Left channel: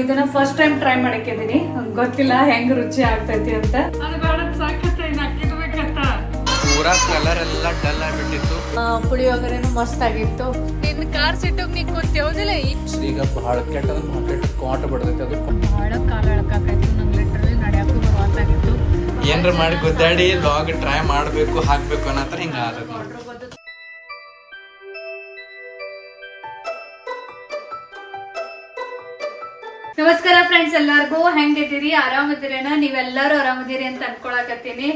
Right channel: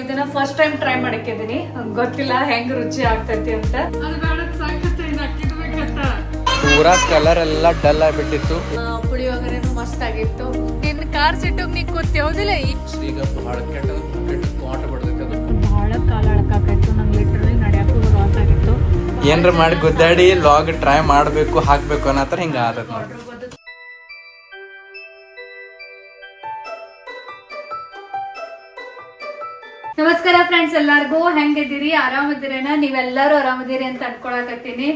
ಇದನ್ನ first time try ಮಾಡಕ್ಕಿದೀನಿ, ಗೊತ್ತಿಲ್ಲ ಹೆಂಗ್ ರುಚಿ ಆಗ್ತೈತಿ ಅಂತ. ಪೂರಾ ಕಲರ್ ಎಲ್ಲ ಡಲ್ ಆಗ್ಬಿಟ್ಟಿತ್ತು. ಪುಳಿಯೋಗರೆನು ಮಸ್ತ್ ಆಗಿತ್ತು. ಈಗ ಬಹಳ ಕೆಟ್ಟ ಕಾಟ ಬಡ್ದೈತೆ, ಅದು ಬಹಳ ಕಾಲ ಅಳಕಾಕಾಯ್ತು. ನಂಗೆ ಲಿಟ್ರಲಿ ನಡ್ಯಾಕು ಬರುವಂತಾಗಿತ್ತು. ಏನ್ರ ಮಾಡಿ ಗುದ್ದಾಡಿ ಲಾಗ್ ಟ್ರೈ ಮಾಡ್ಬೇಕು ಹಾಕ್ಬೇಕು ಅನ್ನತ್ರ ಹಿಂಗ ಆದತ್. ನಮಸ್ಕಾರ ಫ್ರೆಂಡ್ಸ್, ಎಲ್ಲಾರ್ಗು ಹೆಂಗಿದ್ದೀರಿ? ಆರಾಮದಿರೇನ? ನೀವೆಲ್ಲರೂ ಆರಾಮದಿರಿ ಅಂತ ಅನ್ಕೊಳಕತ್ತೀನಿ.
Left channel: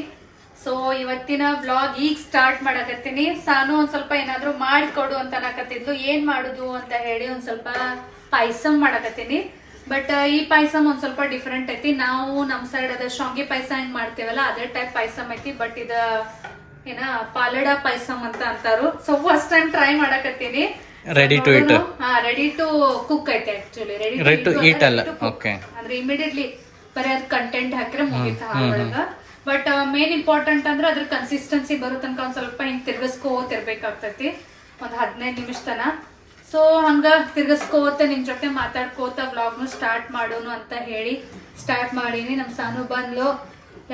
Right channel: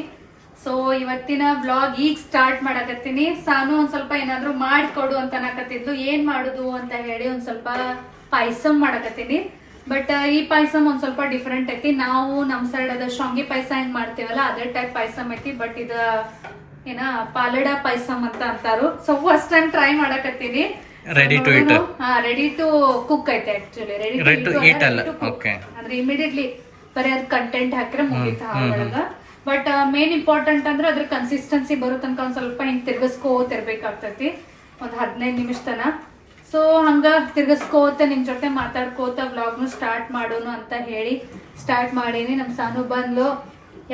ಸೊ ಇವತ್ತಿನ ಬ್ಲಾಗ್ ಈಗ ಸ್ಟಾರ್ಟ್ ಮಾಡಕತ್ತೀನಿ. ಸಾನು ಒಂದ್ ಸ್ವಲ್ಪ ಏನಾದ್ರು ಮಾಡಿಕೊಡು ಅಂತ ಅನ್ನಕತ್ತಿದ್ಲು. ಏನ್ ಮಾಡುದು ಅಂತ ಹೇಳಿ ಒಂದ್ ಸ್ವಲ್ಪ ಪಾಯಸಮ್ ಮಾಡಕತ್ತೀನಿ. ಬಟ್ ಈ ಪಾಯಸಮ್ ಒಂದ್ ಸ್ವಲ್ಪ ಡಿಫ್ರೆಂಟ್ ಐತಿ. ನಾವು ನಮ್ ಸೈಡ್ ಅದ ಶಾಂಗಿ ಪಾಯಸ ಏನ್ ಮಾಡ್ತೇವಲ್ಲ ಅದೇ ಟೈಪ್ ಪಾಯಸಮ್ ಐತಿ. ಬಟ್ ಇದ ಏನ ಪಾಲಡ ಪಾಯಸಮ್ ಅಂತ ಅಂತಾರು. ಸೊ ಫಸ್ಟ್ ಟೈಮ್ ಟ್ರೈ ಮಾಡಕತ್ತೀನಿ. Ready to eat, ready to cook ಐತೆ. ಆಕ್ಚುಲಿ ರೆಡಿ ಟು ಈಟ್ ಅಲ್ಲ, ಓಕೆ. ಅಂದ್ರೆ ಇಮಿಡಿಯೇಟ್ಲಿ ಬರೀ ಅದ್ ಕಂಟೆಂಟ್ ಹಾಕಿದ್ರೆ ಮುಗಿತ ಒಳಗ. ಬಟ್ ಮೇನ್ ಇಂಪಾರ್ಟೆಂಟ್ ಅಂದ್ರೆ ಅದ್ರ ಕನ್ಸಿಸ್ಟೆನ್ಸಿ ಬರೋ ತನಕ ಒಂದ್ ಸ್ವಲ್ಪ ಹಿಂಗ್ ತಿರ್ಗಿಸ್ಕೋತಿರ್ಬೇಕಾಗ್ತೈತಿ ಒಂದ್ 15 ನಿಮಿಷ ತನ. ಸೊ ಹಂಗ ತಿರ್ಗಿಸ್ಕೋತ ನಿಮ್ ಜೊತೆ ಮಾತಾಡ್ಕೋತ ವ್ಲಾಗ್ನು ಸ್ಟಾರ್ಟ್ ಮಾಡೋನು ಅಂತ ಹೇಳಿ ಸ್ಟಾರ್ಟ್ ಮಾಡೀನಿ. ನಮ್ ಸಾನು ಬಂದ್ಲು.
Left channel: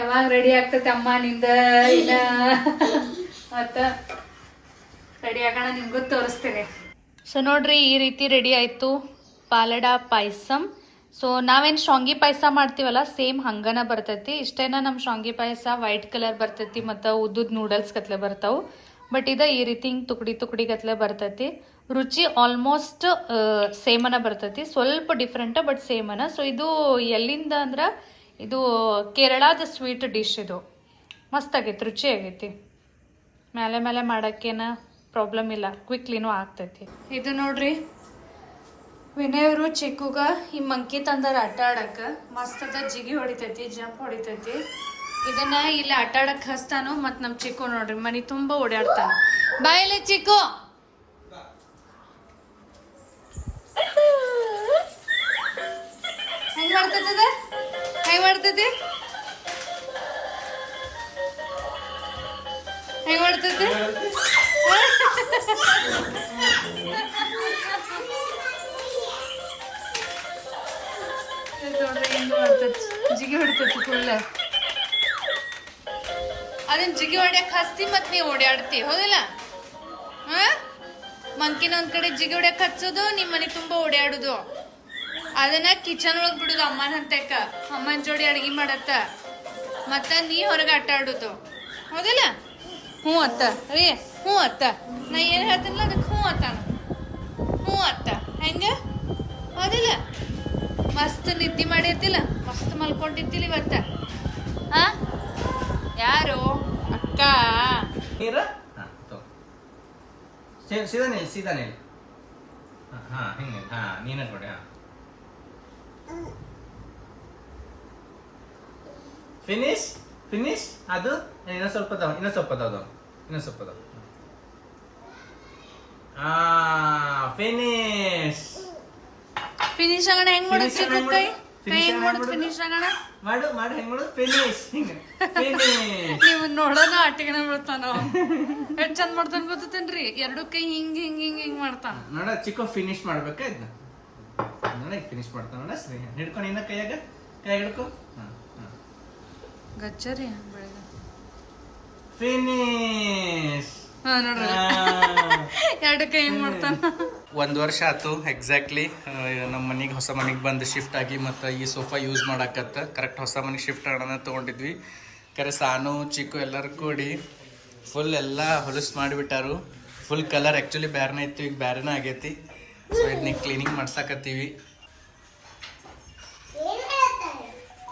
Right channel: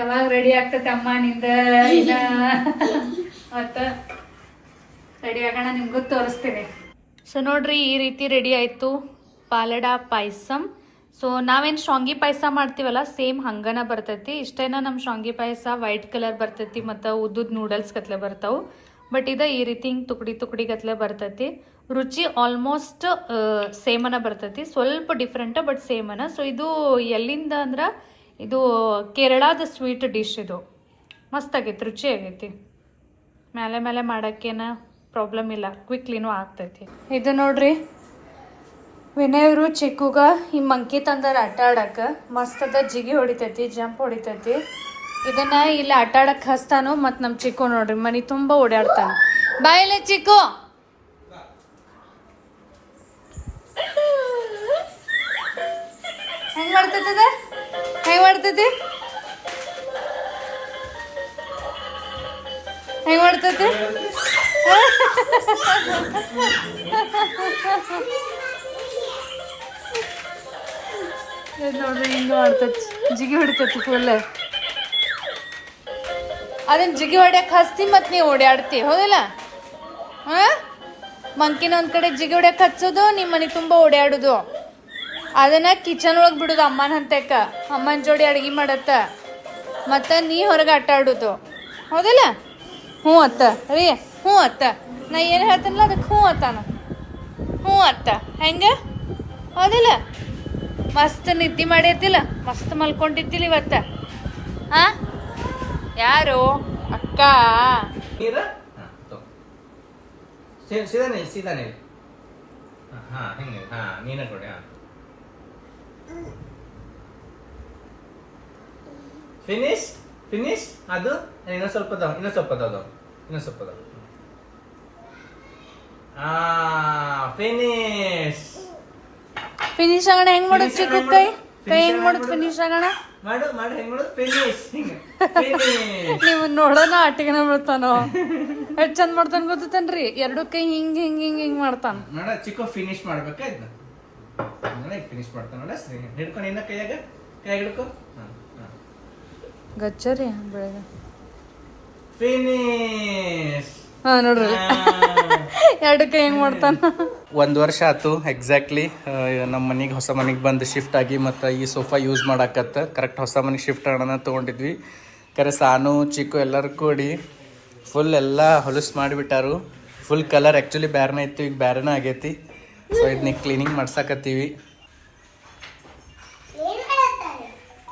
ಯಾವಾಗ ರೆಡಿ ಆಗ್ತೈತಿ ಅಮ್ಮ ನಿಂದ ಮತ್ತ ರೆಡಿ ಆಗೋಣ, ನಿಮ್ಗೂ ತೋರಿಸ್ತೀನಿ. ಸೊ ನೋಡ್ರಿ, ಈ ರೀತಿ ರೆಡಿ ಆಯ್ತು ಪಾಲಡ ಪಾಯಸಮ್. ಸೊ ನಾವೇನ್ ಶಾಂಗಿ ಪಾಯಸ ಮಾಡ್ತೀವಲ್ಲ ಸೇಮ್ ಹಂಗನ ಬರ್ತೈತಿ. ಇಷ್ಟೇನ ನಮ್ ಶಾಂಗಿ ಪಾಯಸ ವೈಟ್ ಕಲರ್ ಬರ್ತೈತಿ ಮತ್ತು ಉದ್ದುದ್ ನೂಡಲ್ಸ್ ಗತ್ಲೆ ಬರ್ತಾವು. ಬಟ್ ಇದ ಈ ರೀತಿ ಹಿಂಗ್ ತುಕಡಿ ಗತ್ಲೆ ಬರ್ತೈತಿ. ರುಚಿ ಆಲ್ಮೋಸ್ಟ್ ಸೇಮನ ಬರ್ತೈತಿ, ಸ್ವಲ್ಪ ಡಿಫ್ರೆಂಟ್ ಬಟ್ ಸೇಮನ. ಸೊ ಇದು ಎಲ್ಲಿಂದ ಅಂದ್ರ ಇದು ಕೇರಳದ ಸ್ವೀಟ್ ಡಿಶ್. ಇದು ಮಸ್ತ್ ಆಗೈತಿ, ರುಚಿ ಆಗೈತಿ. ಮೇಲೆ ಮಾಡಕ್ಕೇನ ಪ್ರಾಬ್ಲಮ್ ಇಲ್ಲ, ಕ್ವಿಕ್ಲಿನೂ ಆಗ್ತೈತಿ. ಇದು ನೋಡ್ರಿ, ವಿನಯವರು ಚಿಕ್ಕುಗ ಈ ಮಂಕಿ ತಂದಾರ ಆಟ ಆಡಕ್ಕ. ಮಸ್ತ್ ಅದ, ಜಿಗಿ ಹೊಡಿತೈತಿ, ಜಂಪ್ ಹೊಡಿತೈತಿ. ಇದನ್ನ ಇಲ್ಲಿ ಆಟ ಆಡಕ್ ಹಸ್ತಾನು. ಮತ್ ನಮ್ ಚಿಕ್ಕು ನೋಡ್ರಿ ಮನಿ ತುಂಬಾ ಓಡಾಡ್ತಾನ. ಬಾಯಿಲೆ ಚಿಕ್ಕು. ಹೆಂಗ್ ಮಾಡ್ತದ? ಹೆಂಗ್ ಮಾಡ್ತೈತಿ? ಹೆಂಗ್ ಮಾಡ್ತೈತಿ? ನೋಡ್ರಿ ಹಿಂಗ ಮಾಡ್ತೈತಿ, ಜಿಗಿ ಹೊಡಿತೈತಿ ಫುಲ್. ಅದನ್ನ ಜಿಗಿ ಹೊಡ್ಯಾಕ ಹಸ್ತಿ ಮತ್ ನೀವ್ ಓಡಾಡ್ತಿ, ಹೌದಿಲ್ಲ? ಮಂಕಿನ ಒಂದ್ ಕಡೆ ಜಿಗಿ ಹೊಡ್ಯಾಕ ಹಚ್ಚೋದು, ನಿಮ್ ಮನಿ ತುಂಬಾ ಓಡಾಡುದು. ಅದನ್ನ ಕಿಚನ್ ಒಳಗ್ ಬಿಡುದು ಅಮ್ಮನ ಹಂತಕ್ಕ. ಅಮ್ಮನ ಜೋಡಿ ಅಡ್ಗಿ ಮಾಡತ್ತ, ಮತ್ತ ನೀ ಹೊರಗೆ ಆಟ ಆಡುದು, ಹೌದಿಲ್ಲ? ಹ್ಞೂ ಅತ್ತ ರೀ, ಹ್ಞೂ ಅತ್ತ. ನಾ ಏನು ಹೇಳ್ತೀನಲ್ಲ ಅದಕ್ಕೆ ಹ್ಞೂ ಅತ್ತಾನ. ಹ್ಞೂ ಅತ್ತ ಹೆಂಗ, ಹೌದಿಲ್ಲ? ಮಸ್ತ್ ನಿದ್ದೆ ಮಾಡಿರ್ತಿಲ್ಲ, ಮಸ್ತ್ ಮಲ್ಕೊಂಡಿದ್ದಿಲ್ಲ ಇವತ್ತ. ಹಾ, ಯಾರು ಅಕ್ಕ? ನೀರ ಸೀದಾನೆ ಹಾ ಹೆಂಗೆ, ಹಾ ನೀನೇ ಕೊಡಿ. Finish finish. ಅದು ಇನ್ನೊಂದು ಸ್ವಲ್ಪ ಫಿನಿಶ್ ಫಿನಿಶ್ ಆಗೋಣ. ಹೆಂಗ್ ಮಾಡೋದು ಚಿಕ್ಕ ಕೈ ಹೆಂಗ್ ಮಾಡೋದು ಫಿನಿಶ್ ಆಗೋಣ? ಮಾಡು ಹೆಂಗ್ ಮಾಡೋದು ಫಿನಿಶ್. ನೀವು ನೋಡೋಣ ಆಟಿಗೆನ ಮಾಡ್ತಾನೋ, ಎಷ್ಟ್ ಚಂದ ಮಾಡ್ತಾನ ಗೊತ್ತೇನ್ರಿ? ಎರಡು ಕೈ ಹಿಂಗ್ ಹಿಂಗ್ ಹಿಂಗ್ ಹಿಂಗ್ ಮಾಡ್ತಾನ. ನೋಡ ಚಿಕ್ಕ ಫಿನಿಶ್ ಮಾಡ್ಬೇಕ ಇದನ್ನ. ನೋಡಿ ಫಿನಿಶ್ ಮಾಡ್ತಾನ ನೋಡ. ಹಿಡ್ಕೊಂಡು ಇನ್ನ ಕೈಯಾಗ ಹಿಡ್ಕೊ. ಗಚ್ಚರಿ ಬೆಳಗ್ಗೆ ಫಿನಿಶ್. ಹಾ ನೋಡ್ರಿ, ಎರಡು ಕೈ ಹೆಂಗ್ ಮಾಡ್ತಾನ. 1 ವರ್ಷ ಆಯ್ತು ಎಕ್ಸಾಕ್ಟ್ಲಿ ನಮ್ಮ ಮನೆಗೆ, ಹೊಸ ಮನೆಗೆ ಬಂದು ಶಿಫ್ಟ್ ಆಗಿ. ಮತ್ತು ಈ ಸೋಫಾ ಯೂಸ್ ಮಾಡಾಕತ್ತ ಕರೆಕ್ಟ್ ಹೊಸ ಮನೆಗೆ ಶಿಫ್ಟ್ ಆಗೋಣ ತೊಗೊಂಡಿದ್ವಿ. ಕರೆ ಸಾನು ಚಿಕ್ಕು ಎಲ್ಲರೂ ಕೂಡಿ ಫುಲ್ ಎಲ್ಲ ಹೊಲಸು ಮಾಡಿಬಿಟ್ಟಾರು. ಫುಲ್ ಕಲರ್ ಆ್ಯಕ್ಚುಲಿ ಬ್ಯಾರನೇ ಇತ್ತು, ಈಗ ಬ್ಯಾರನೇ ಆಗೈತಿ. ಸೊ ಇದನ್ನ ಕ್ಲೀನಿಂಗ್ ಮಾಡ್ಸಕತ್ತೀವಿ.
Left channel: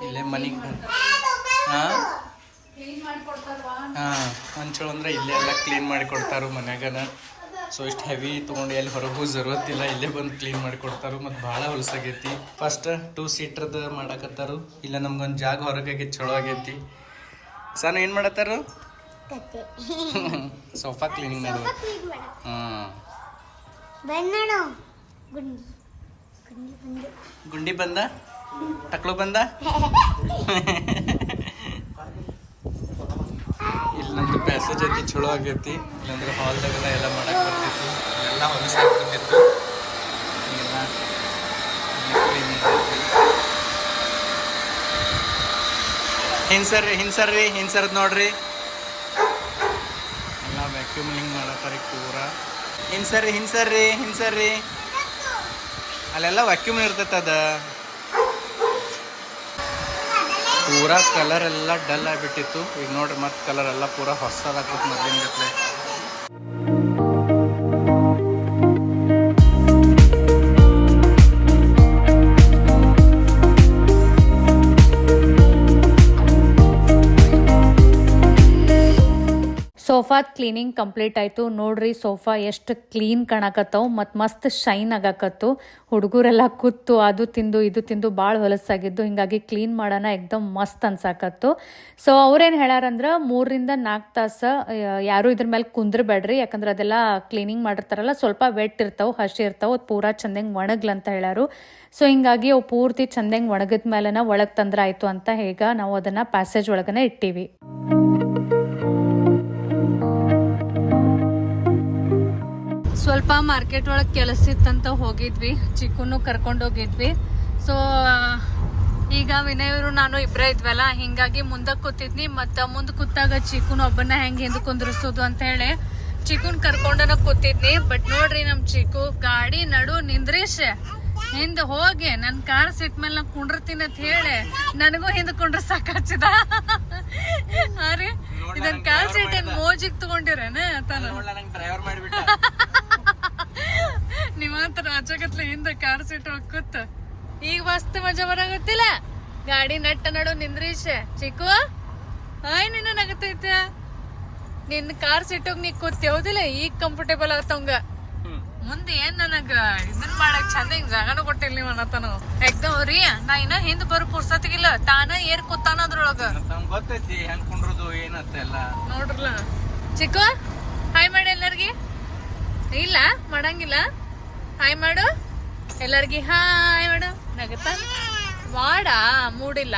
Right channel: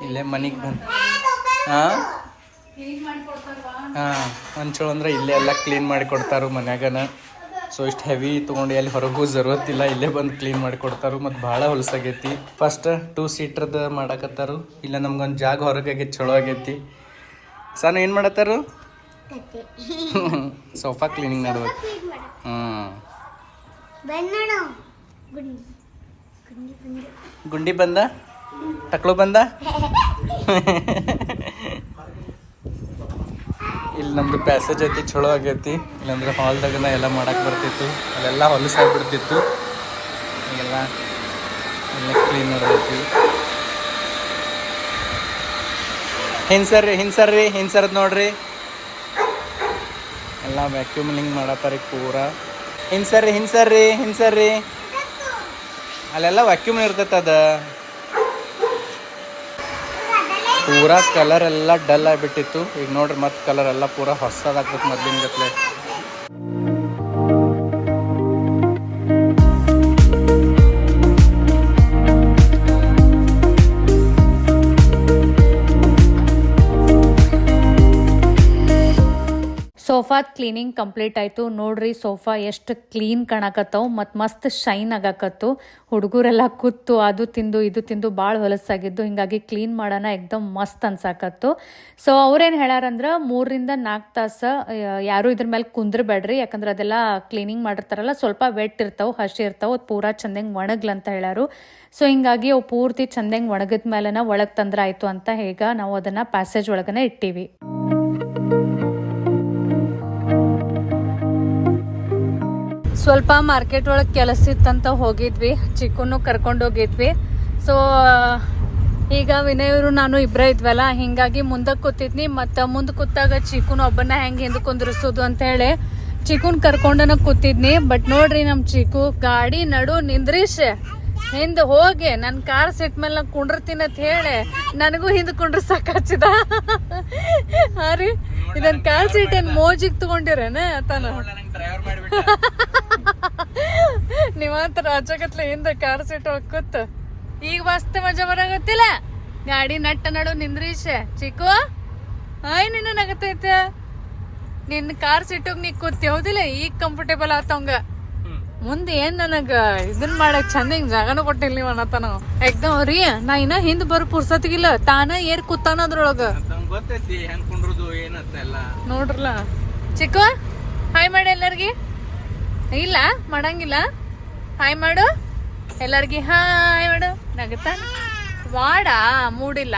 ಇಲ್ಲೇ ಮನೆಗೆ ಬಂದು ಹಾಂ ಒಂಚೂರು ಅಂದ್ರೆ ಇಲ್ಲೇ ಎಲ್ಲ ಕ್ಲೀನ್ ಮಾಡಿ ಕೊಡ್ತಾರು ಮನ್ಯಾಗನ. ಸೊ ಇಷ್ಟು ಹೆವಿ ತೊಗೊಂಡು ಎಲ್ಲಿ ಹೊರಗೂ ಜರುರತ್ತಿಲ್ಲ, ಇಲ್ಲೇ ಬಂದು ಕ್ಲೀನ್ ಮಾಡಿ ಕೊಡ್ತಾರು. ಮತ್ತು ಭಾಳ ಹೊಲಸಾಗೈತಿ. ಫಸ್ಟ್ 2 ಸೀಟ್ರದ್ದು ಮಾಡಕತ್ತಾರು. ಇಲ್ಲ ನಮ್ಗೊಂದು ಜಾಗ ಹೊರಗೆ ಆಗೈತಿ, ಚಲೋ ಆಗೈತಿ. ಸಾನು ಏನು ಮಾಡತ್ತಾರು? ಸೋಫಾ ಕ್ಲೀನಿಂಗ್ ಮಾಡ್ಬೇಕು. ಗುಂಡಿ ಬಂದ, ಟಕ್ಳು ಬಂದ. ಇಲ್ಲಿ ನಮ್ದು ಪ್ಯಾಸೇಜ್ ಐತಿ, ಚಲೋ ಆಗೈತಿ. ಇಲ್ಲಾಂದ್ರೆ ಹಾಲ್ದಾಗೆಲ್ಲ ಎಲ್ಲ ಮಾಡಕ್ಕೆ ಬರ್ತಿತ್ತು, ಅಲ್ಲೆಲ್ಲ ಹೊಲಸಾಗ್ಬಿಡ್ತಿತ್ತು. ಈಗೆಲ್ಲ ಕ್ಲೀನ್ ಮಾಡೈತಿ. ಹಿಂಸರ್ದ್ ನೋಡ್ರಿ ಎಲ್ಲ ವ್ಯಾಕ್ಯೂಮಿಂಗ್ ಮಾಡತ್ತಾರ ಪೂರ. ಹಿಂಸರ್ರಿ ಅಲ್ಲೆಲ್ಲ ವ್ಯಾಕ್ಯೂಮ್ ಇರ್ತೈತೆ ಅದ. ಪೂರಾ ಕಲರ್ ಎಲ್ಲ ಡಲ್ ಆಗಿಬಿಟ್ಟಿತ್ತು. ಈಗ ನೋಡ್ರಿ ಮತ್ತೆ ಕಲರ್ ಎಲ್ಲ ಪೂರಾ ಹೊಸದಾಗ್ತದೆ ಮೊದ್ಲಿನ ಜೊತೆ. ಸೋಫಾದ ಕ್ಲೀನಿಂಗ್ ಕಂಪ್ಲೀಟ್ ಆಯಿತು. ನೋಡ್ರಿ ಸೋಫಾ ಎಷ್ಟು ಕ್ಲೀನ್ ಕಾಣಕತ್ತವು ಮತ್ತು ಮಸ್ತ್ ಶೈನ್ ಆಗಾಕತ್ತು. ಹುಡುಗರೆಲ್ಲ ಕೂತು ಅದು ತಿಂದು ಇದು ತಿಂದು ಭಾಳ ಹೊಲಸಾಗಿದ್ದು, ಹಿಂಗಾಗಿ ಕ್ಲೀನ್ ಮಾಡೋಣ ಎಕ್ದಮ್ ಮಸ್ತ್ ಅನ್ಸಾಕತ್ತು. ಸೊ ಅವ್ರೇನು ಹೇಳಾರಂದ್ರೆ 3-4 ತಾಸು ಯಾರು ಇದ್ರ ಮೇಲೆ ಕುಂದ್ರಬೇಡ್ರಿ, ಯಾಕಂದ್ರೆ ಅದೆಲ್ಲ ಕ್ಲೀನಿಂಗ್ ಮಾಡಿರ್ತಾರಲ್ಲ ಸ್ವಲ್ಪ ವೆಟ್ ಇರ್ತಾವೆ, ಹಸಿ ಇರ್ತಾವೆ, ಅದು ಪೂರಾ ಚಂದಂಗೆ ಒಣಗ್ಲಂತ ಹೇಳಾರು. ಸೊ ಹಿಂಗಾಗಿ ಅವು ಪೂರ್ತಿ ಚಂದಂಗೆ ಒಣಗಿದ ಮೇಲೆನ ಒಳಗೆ ತಂದ್ರೆ ಆಯಿತು ಅಂತ ಹೇಗ ನಾವು ಅದನ್ನು ಪ್ಯಾಸೇಜ್ ಒಳಗನೆ ಇಟ್ಟೀವಿ. ಸ್ವಲ್ಪ ಮಾರ್ಕೆಟ್ ಒಳಗೆ ಕೆಲಸ ಇತ್ತಂತ ಹೋಗಿದ್ವಿ, ಚಿಕ್ಕನ್ನು ಕರ್ಕೊಂಡು ಹೋಗಿದ್ವಿ. ಸೊ ಈಗ ವಿನಯವರು ನಾನು ಇಬ್ಬರೇ ಇದ್ವಲ್ಲ, ಹಿಂಗಾಗಿ ಮುಂದಕ್ಕೆ ಕೂತಿದ್ನಿ. ಮತ್ತು ಮುಂದೆ ಕೂತಾಗ ಚಿಕ್ಕನು ಒಬ್ಬನ ಹೆಂಗೆ ಹಿಂದೆ ಕುಂದ್ರಿಸೋದು ಅಂತ ಹೇಳಿ ಚಿಕ್ಕನ್ ಕರ್ಕೊಂಡನ ಕೂತಿದ್ನಿ. ಬಟ್ ನೋಡ್ರಿ ನಮ್ಮ ಚಿಕ್ಕು ಗಾಡಿ ನಡು ನಿಂದ್ರೀಶ್ ಹಿಂದೆ ಹೋಗಿ ನನ್ನ ಕಾರ್ ಸೀಟ್ ಮೇಲೆ ನಾ ಕುಂಡಿರ್ತೀನಿ ಅಂತ ಹೇಳಿ ನನಗೂ ಹಿಂದೆ ಕುಂಡ್ರಸಕ್ ಹಚ್ಚಿದ. ಹಾ ರೀ, ಇದನ್ ಕಾರ್ ಸೀಟ್ ಏನ್ ಮೋಜಿಗೆ ತಗೊಂಡಿರೇನ ತಾನ ನೀವಂತ ರಾಜಗತ್ಲೆ ಹಿಂದ ಕಾರ್ ಸೀಟ್ ಕೂತ್ ಈಗ ಮಸ್ತ್ ಮಜಾ ಬರಾಗತ್ತಿಲ್ಲ. ಗಾಡಿ ನಟ್ಟ ನಡು ನಿಂದ್ರೀಶ್ ಚಿಕ್ಕು ಆಯ್ ನಿನ್ನ ನಗತೈತೆ. ನಿನ್ನ ಕಾರ್ ಸೀಟಾಗ ನೀ ಕೂತ್ ಯಾವ್ದಿಲ್ಲ ಈಗ ಕಂಫರ್ಟೇಬಲ್ ಆತವಂಗ. ಮುಂದೆ ಏನ್ ನನಗ ಇದನ್ ಮಾಡಕ್ ಚಂದ ಹಿಂಗ್ ಜಾಗನೂ ಕೊಟ್ಟಿಲ್ಲ ನೀವ್ ಅನ್ನತನ ಎಕ್ದಮ್ ರೀ. ನಾ ಇನ್ನ ಹಿಂದ್ ಬರೋ ಪುರ್ಸತಿಗಿಲ್ಲ, ತಾನ ಏರ್ ಕೂತಾನ ಅದ್ರೊಳಗ ಗೊತ್ತೈತಿ ಹೆಂಗ್ ಕುಂಡ್ರದು ಏನತ್ತ ಎಲ್ಲ ನೋಡ್ರಲ್ಲ. ಚಿಕ್ಕು ಹಾಯ್ ಮಾಡಿ ಎಲ್ಲಾರ್ಗಿ. ಇಲ್ಲ ಮಾಡಂಗಿಲ್ಲ, ಹಾಯ್ ಮಾಡು ಎಲ್ಲಾರ್ಗಿ, ಹಾಯ್ ಮಾಡು. ಬಾಡ ಮೂಡಿಲ್ಲ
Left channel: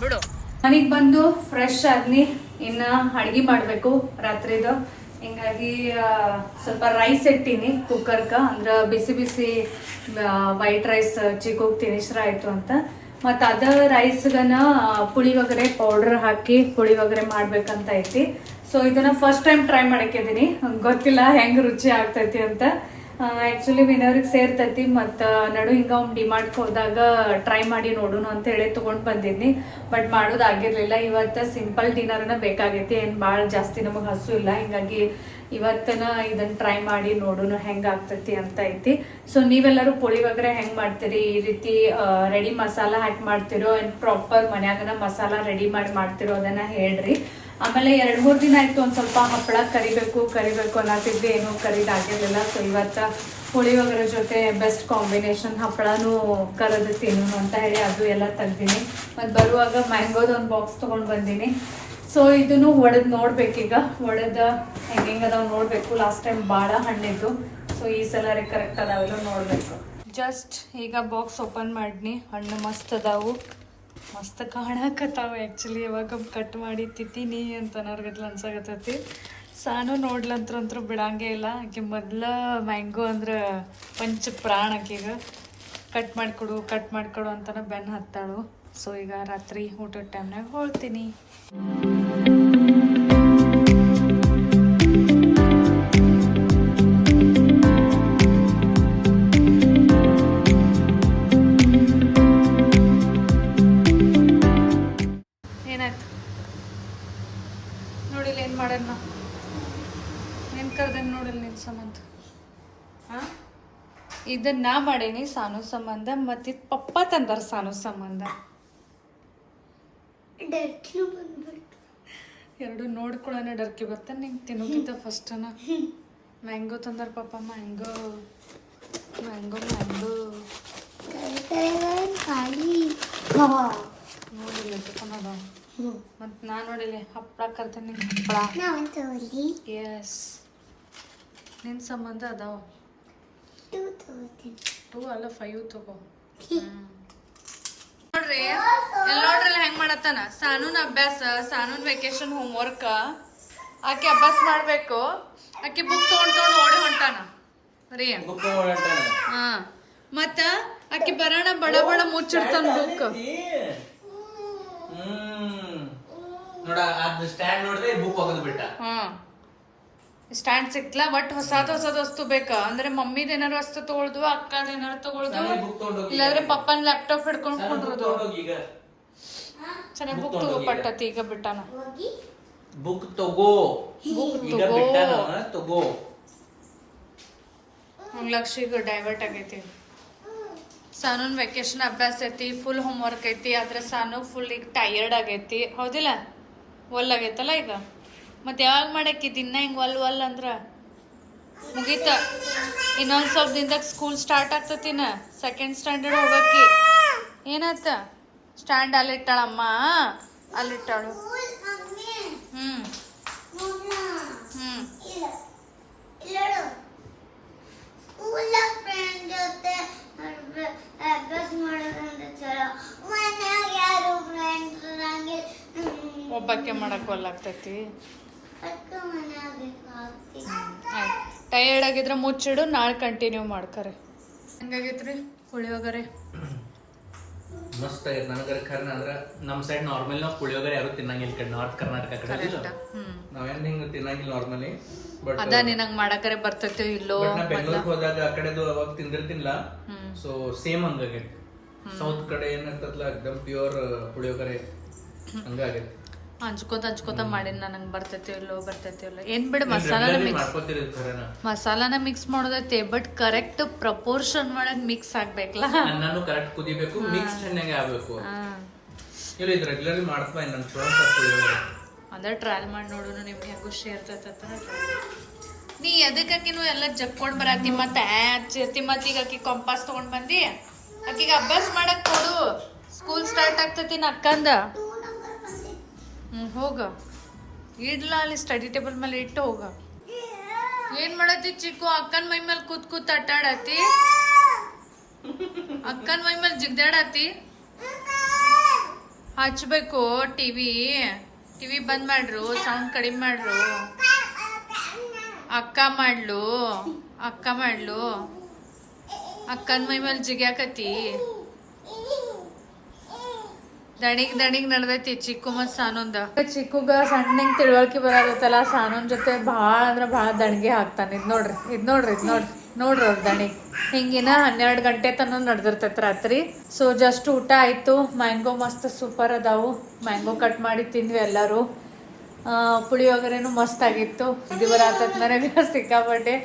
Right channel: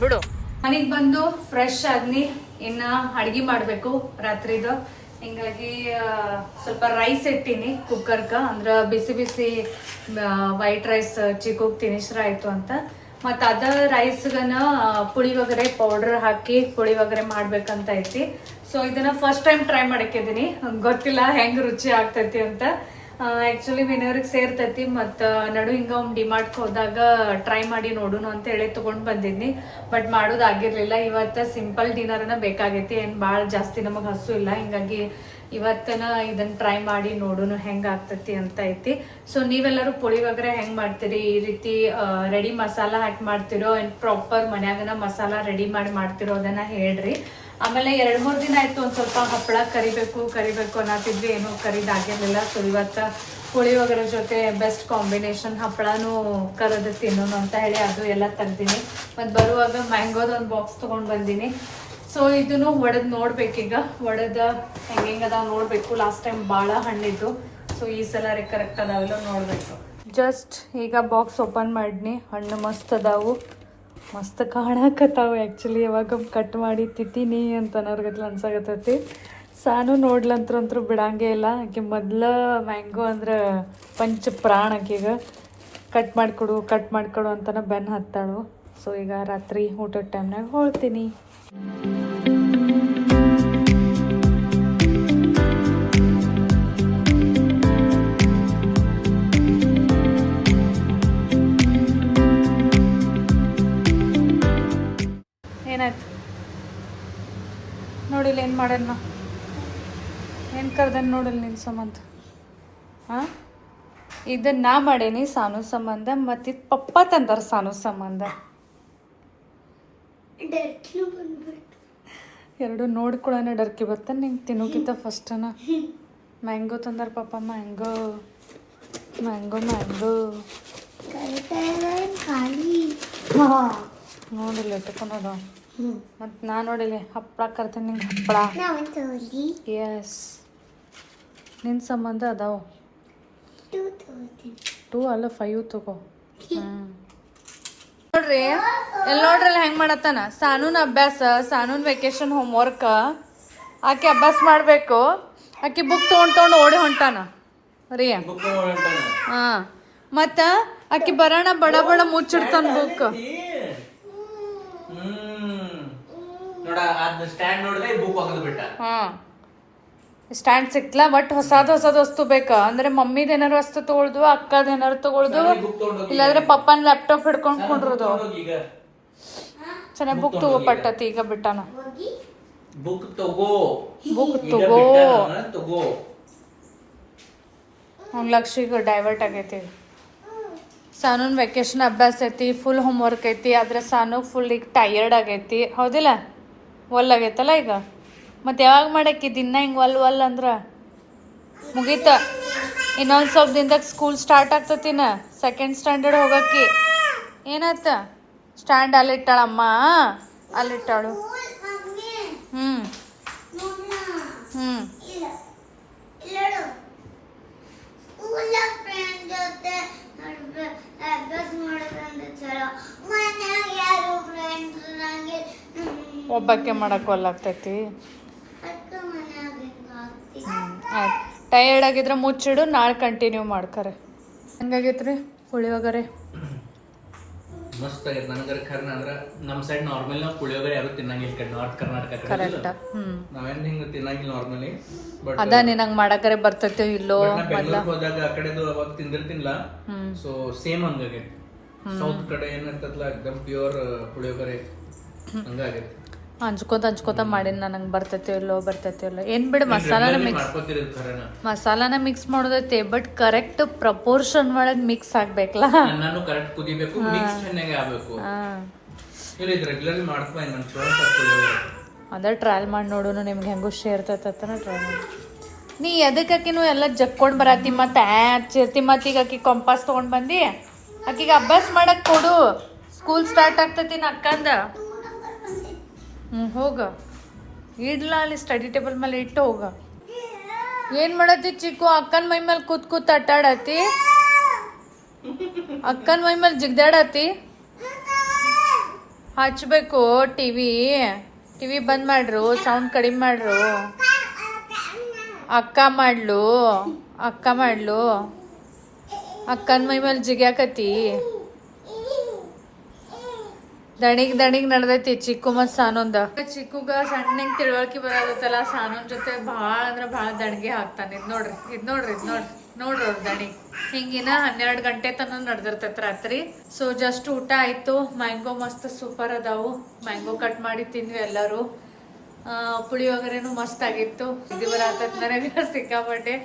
ಬಿಡು. ಮನೆಗ್ ಬಂದು ಫ್ರೆಶ್ ಆಗ್ನಿ, ಇನ್ನ ಅಡ್ಗಿ ಮಾಡ್ಬೇಕು ರಾತ್ರಿದು. ಹಿಂಗಾಗಿ ಸ್ವಲ್ಪ ರೈಸ್ ಇಟ್ಟೀನಿ ಕುಕ್ಕರ್ಗ, ಅಂದ್ರೆ ಬಿಸಿ ಬಿಸಿ ವೈಟ್ ರೈಸ್ ಚಿಕ್ಕೋಗ್ ತಿನಿಸ್ರ ಆಯ್ತು ಅಂತ. ಮತ್ತು ಅದ ರೈಸ್ಗನ ಪುಳಿಯೋಗರೆ ಪೌಡರ್ ಹಾಕಿ ಪುಳಿಯೋಗರೆ ಮಾಡ್ಬೇಕಂತ ಐತಿ. ಸೊ ಇದನ್ನ ಫಸ್ಟ್ ಟೈಮ್ ಟ್ರೈ ಮಾಡಕ್ಕಿದ್ದೀನಿ, ಗೊತ್ತಿಲ್ಲ ಹೆಂಗ್ ರುಚಿ ಆಗ್ತೈತಿ ಅಂತ. ಆ್ಯಕ್ಚುಲಿ ವಿನಯವ್ರಿಗೆ ಸೇರ್ತೈತಿ, ಮತ್ತು ನಡು ಹಿಂಗೆ ಅವ್ನು ಡಿಮಾರ್ಟ್ಗೆ ಹೋದಾಗ ಟ್ರೈ ಮಾಡಿ ನೋಡೋಣ ಅಂತ ಹೇಳಿ ತೊಗೊಂಡು ಬಂದಿದ್ನಿ. ಬಟ್ ಮಾಡೋದಾಗಿರ್ಲಿಲ್ಲ. ಇವತ್ತು ಸಿಂಪಲ್ ಡಿನ್ನರನ್ನ ಬೇಕಾಗೈತಿ, ಏನು ಭಾಳ ಜಾಸ್ತಿ ನಮಗೆ ಹಸು ಇಲ್ಲ. ಹಿಂಗಾಗಿ ಇವತ್ತನ ಇದನ್ನು ಟ್ರೈ ಮಾಡಿ ನೋಡೋಣ ಹೆಂಗೆ ಆಗ್ತೈತಿ ಅಂತ ಐತಿ. ಸೊ ನೀವೆಲ್ಲರೂ ಪುಳಿಯೋಗರೆ ಹೆಂಗೆ ಮಾಡ್ತೀರಿ? ಈ ರೀತಿ ರೆಡಿ ಮಸಾಲ ಹಾಕಿ ಮಾಡ್ತಿರೋ ಏನು ಪ್ರಾಪರ್ ಮನ್ಯಾಗನ ಮಸಾಲ ರೆಡಿ ಮಾಡಿ ಮಾಡ್ತಿರೋ ಅದನ್ನು ಹೇಳ್ರಿ. ಆಮೇಲೆ 2-3 ದಿನ ಆಯಿತು ಒಂದು ಸ್ವಲ್ಪ ಹಪ್ಪಳ ಕರಿಬೇಕು ಅನ್ನತ್ತಿದ್ವಿ, ಏನೂ ಕರಿದಾಗಿರ್ಲಿಲ್ಲ. ಸೊ ಇವತ್ತು ಪುಳಿಯೋಗರೆ ಜೊತೆ ಬೆಸ್ಟ್ ಕಾಂಬಿನೇಷನ್ ಹಪ್ಪಳನೂ ಕರೆದು ತಿನ್ನೋಣ ಅಂತ ಹೇಳಿ ಅದು ಎಲ್ಲ ತೆಗ್ದೀನಿ. ಮತ್ತು ಬರುವಾಗ ಮ್ಯಾಂಗೋದು ಒಂದು ಬಾಕ್ಸ್ ತೊಗೊಂಡು ಬಂದೀನಿ. ಸೊ ಇದನ್ನು ಒಡೆದು ನೋಡ್ಬೇಕೀಗ, ಒಡೆದ ಹೆಂಗೆ ಅದಾವ ನೋಡಬೇಕು. ಲಾಸ್ಟ್ ಟೈಮ್ ಭಾಳ ಹಣ್ಣಿದ್ದು, ಸೊ ಈ ಸಲ ಕರೆಕ್ಟ್ ಅದಾವೆಲ್ಲ ನೋಡಬೇಕು. ಜಸ್ಟ್ ಈಗ ಬಾಕ್ಸ್ ಓಪನ್ ಮಾಡಿನಿ, ಹಣ್ಣು ಮಸ್ತ್ ಅದಾವು, ಮಸ್ತ್ ಕಾಣಕತ್ತಾವ. ಆ್ಯಕ್ಚುಲಿ ಯಾವಾಗ ಕಟ್ ಮಾಡಿ ತಿಂತೀನಿ ಅಂತ ಅನ್ನೋರ್ಗತ್ಲ ಅನ್ಸಾಗತ್ತೈತಿ. ಸಾನು ನೋಡ್ಲಂತ್ರಂತೂ ಬಿಡಂಗೇ ಇಲ್ಲ. ಆಕೆ ಮೊದಲ ಮ್ಯಾಂಗೋ ಅಂದ್ರೆ ಪಂಚ ಪ್ರಾಣ ಆಕೆಗೆ. ಕಟ್ ಮಾಡಿಕೊಡು ಅಂತನ ಬೆನ್ನು ಹತ್ತಾಳು. ಸೊ ಈಗ ರಾತ್ರಿ ಊಟದ ಟೈಮ್ನಾಗ ಹೋಳ್ತೀನಿ. ಏನಾಯ್ತು ನೋಡಿಲ್ಲ, ಏನು ಮಾಡೋಣ, ಏನು ಕರ್ದನ್ ನೋಡಲ್ಲ ನಿನ್ನ ಸಂಬಂಧ. ಹಾಂ, ಇದನ್ನ ನಾ ಮಾಡೇನಿ ಸಾನು ಸಂಬಂಧ, ಮತ್ತು ಇದು ಪಪ್ಪ ತಂದಾರ ಸಾನು ಸಂಬಂಧ. ಎರಡು ನೋಡ್ಕೊಳ್ಳೋಣ ಡರ್ಕಿ ಬರ್ತಾನೆ ನಿಂಗೆ ತಿನ್ನೋಕ್ಕಿಂತ ಫಸ್ಟನ. ಮ್ಯಾಂಗೋ ತಂದಾರ ಪಪ್ಪ, ಮ್ಯಾಂಗೋ ನೋಡಿಲ್ಲ ತಕೊಂಡೋದ. ಮತ್ತು ನಾ ನೋಡಿಲ್ಲ ಹಪ್ಪಳ ಕರ್ತೀನಿ ನಿಂಗೆ ಹಪ್ಪಳ. ಎಸ್, ನಿನ್ನ ಸಂಬಂಧ ಅದಾವ 2 ಅಲ್ಲ 5 ತಗೋ. ನೋಡ್ರಿ ನೋಡ್ರಲ್ಲ ಹೆಂಗ್ ಮಾಡತ್ತಾನ ಸಾನೂನ್ ಅಭ್ಯಾಸ. ಸಾನೂನ್ ವೆಕೇಶನ್ ಹೋಮ್ವರ್ಕ್ ಆಕೆ ಅಭ್ಯಾಸ ಮಾಡ್ಬೇಕು. ಆಕೆ ಬುಕ್ ತೊಗೊಂಡು ಓಡಿ ಹೊಂಟಾನ ರೀ. ಹಾ, ಮತ್ತ ಆಕಿ ಬರೋಣ ಬಡ ಬಡ ಮುಚ್ಚಿಡ್ತಾನ ಬುಕ್. ನೋಡ ಅದ್ ಸ್ಟ್ಯಾಂಡ್ ನೋಡಿದ್ರೆ ಬುಕ್ ಹೋಗೋದು ಬಿಟ್ಟ. ಹಾ ಸ್ಟ್ಯಾಂಡ್ ಸಿಕ್ಲಾ ಬಟ್ ಹೊಸದ್ ವಸ್ತು ಬೇಕಾ ಅಂದ್ರೆ ಮಮ್ಮಿದ ಏನಾರು ವಸ್ತು ತಗೊಳ್ದು ಅಕ್ಕದ ಏನಾರು ತಗೊಳ್ದು ಇಲ್ಲಾಂದ್ರೆ ಪಪ್ಪನ್ ಲ್ಯಾಪ್ಟಾಪ್ ಹಿಡ್ಕೊಂಡ್ ಕುಂಡ್ರದು. ಚೆನ್ನಾಗಿ ಬುಕ್ ತಗೋ ಪಟ್ಟತಿ ಈಗ ಬಿಟ್ಟಾನ. ಬುಕ್ ತಗೋ ಅವ್ನ ಲಕ್ಷ ಈಗ ಡೈವರ್ಟ್ ಆಗೈತಿ. ಸಾನೂನ್ ವೆಕೇಶನ್ ಅಭ್ಯಾಸ ಐತಿ, ಫುಲ್ ಹೋಮ್ ವರ್ಕ್ ಐತಿ, ಆದ್ರೆ ಸಾನು ಫುಲ್ ಈಗ ಟಯರ್ಡ್ ಆಗೈತಿ. ಹೌದಿಲ್ಲ? ಒಲ್ ಆಗೈತಲ್ಲ ಈಗ. ಮತ್ತೆ ಯಾವಾಗ ಮಾಡಕ್ಕಿ ದಿನ ಹಿಂಗೆ ಒಲ್ ಅಂದ್ರ ಮುಗೀತ. ಇನ್ನೊಂದು ಸ್ವಲ್ಪ ದಿನದಾಗ ಸ್ಕೂಲ್ ಸ್ಟಾರ್ಟ್ ಆಗ್ತತಿನ, ಸೆಕೆಂಡ್ ಸ್ಟ್ಯಾಂಡರ್ಡ್ ಹೋಗಕ್ಕಿ. ಏನಾಯ್ತ? ಸ್ಟ್ಯಾಂಡ್ ಅಲ್ಲಿಟ್ಟಾಳಮ್ಮ, ಅಲ್ಲಿಟ್ಟಾಳು. ಹ್ಮ್ ಹ್ಮ್ ಒಬ್ಬಕ್ಕೆ ಮಾಡಕ್ ಒಲ್ಲಾಗ್ತೈತಿ. ಟಯರ್ಡ್ ಆಗಿದ್ರೆ ಮುಚ್ಚಿಡು, ನಾಳೆ ಕಂಟಿನ್ಯೂ ಮಾಡ್ಕರೆ. ಹೆಂಗಾಗೈತ್ರಿ ಪುಳಿಯೋಗರೆ? ಮಸ್ತ್ ಆಗೈತೆ. ನನಗರ ಖರ್ನ ಅಂದ್ರ ನಮ್ ಸೈಡ್ ನಾರ್ಮಲ್ ನಾವು ಪುಳಿಯೋಗರೆ ಯಾರು ತಿನ್ನಂಗಿಲ್ಲ ಕಡೆ ನಾರ್ತ್ ಕರ್ನಾಟಕ ಕಡೆ. ನಾವೇನ್ ಹಿಂಗ ತಿನ್ನಂಗಿಲ್ಲ ನಾರ್ಮಲಿ. ಬಟ್ ಅದ ನಿನಂಗ್ ಮಾಡಕರೆ ಬರ್ತೈತೆ ಇಲ್ಲೋ? ಬೆಂಗಳೂರಿಗೆ ಹೋದಾಗ ಆ ಕಡೆದು ಅವಾಗ ತಿಂದಿರ್ತಿನ್ಲ, ಸೊ ಸೇಮ್ ಹಂಗಾಗೈತಿ. ಸೌತ್ ಕಡೆ ಏನಿರ್ತದಲ್ಲ ಎಕ್ದಮ್ ಪ್ಯೂರ್ ಪುಳಿಯೋಗರೆ ಹಂಗಾಗೈತಿ. ಹಂಚ್ಕೋತ ಮಾಡಿನ ನಂಗೆ ಬರ್ತೈತೆ ಇಲ್ಲೋ ಏನ್ ಬಿಡು, ಮಸಾಲಾನ ಮಿಕ್ಸ್ ಮಾಡೋದೈತಿ ಬಟ್ ಕರೆಕ್ಟ್ ಪ್ರಪೋರ್ಷನ್ ಒಳಗ್ ಮಿಕ್ಸ್ ಆಗ್ಬೇಕಲ್ಲ. ನಾನು ಕರೆಕ್ಟ್ ಕುದಿಬೇಕು, ಮಿಕ್ಸ್ ಚೆನ್ನಾಗಿ ಆಗ್ಬೇಕು. ಇಲ್ಲ ಇದು ರೆಗ್ಯುಲರ್ಲಿ ಮಾಡ್ತಾ ನಾನು ಪುಳಿಯೋಗರೆ. ಅದ ಟ್ರಯಲ್ ಮಾಡಿ ನೋಡೋನು ನಿಮ್ಗೆ ಹೆಂಗೋ ಶೇರ್ ತತ್ತನ ಟ್ರೈ ಮಾಡಿ. ನೀ ಎದಕ್ಕಾಕಿನೂ ಎಲ್ಲ ಜಕ್ಕೊಂಡ್ ಬರತ್ತಿ ಮತ್ತೆ ಚಿರ್ತಿ ಮತ್ತೀಗ ಆಕಿ ಕಂಪಾಸ್ ತಗೊಂಡ್ ಬಂದಿ ಆಕಿಗೆ ಅಭ್ಯಾಸ ಮಾಡಕ್ ಕೊಡು. ಸ್ಕೂಲ್ ಸ್ಟಾರ್ಟ್ ಆಗ್ತತಿ ಅಕ್ಕಂದ. ಹೋಗ ಇಡ್ಲ ಅಲ್ಲಿ ಸ್ಟಡಿ ಟೇಬಲ್ ಮೇಲೆ ಇಟ್ಟು ಹೋಗ. ಏನ್ ಮಾಡತ್ತಿ ಚಿಕ್ಕು? ಅಕ್ಕನ್ ಮೈ ಮೇಲೆ ಕೂತ್ ಅಟ್ಟಾಡತಿ, ಅಕ್ಕನ್ ಮೈ ಮೇಲೆ ಜಿಗ್ದಾಡತಿ. ಹಚ್ಬೇಕು ಟಿವಿ ಬಂದ್ ಮಾಡ್ರು, ಸೌಂಡ್ ಕಡಿಮೆ ಮಾಡ್ರು. ಅಕ್ಕ ಮಾಡ್ಲು ಅಕ್ಕನ್ ಮೈ ಮೇಲೆ ಜಿಗ್ಯಾಕತಿ. ದಣಿಗ್ ನಡ್ದೈತಿ ಚಿಕ್ಕು ಮತ್ ಸಾನೊಂದ. ಚಿಕ್ಕುಗ ಸಣ್ಣಂಗ್ ತಿಳುವಳಿಕೆ ಬರತ್ತಲ್ಲ, ಸಾನೊಂದ್ ಜೊತೆ ಭಾಳ ಅಂದ್ರ ಭಾಳ ದಣಿಗೆ ಹಾಕ್ತಾನೆ. ಇದ್ ನೋಡ್ರಿ ಅವ್ರ ದಣಿ ಹಿಂಗಿನ 12 ಗಂಟೆ ತನ ನಡ್ದಿರ್ತೈತಿ ರಾತ್ರಿ. ಸೊ ಜಸ್ಟ್ ಊಟ ಆಯ್ತು. ಮ್ಯಾಂಗೋ ಮಸ್ತ್ ಸೂಪರ್ ಅದಾವು. ಮ್ಯಾಂಗೋ ಕಟ್ ಮಾಡಿ ತಿಂದ್ವಿ ಎಲ್ಲರೂ. ಪುಳಿಯೋಗರೆನು ಮಸ್ತ್ ಆಗಿತ್ತು. ಇದು ಬರತೈತಿ ನನಗೆ ಸಿಕ್ಕಾಪಟ್ಟೆ.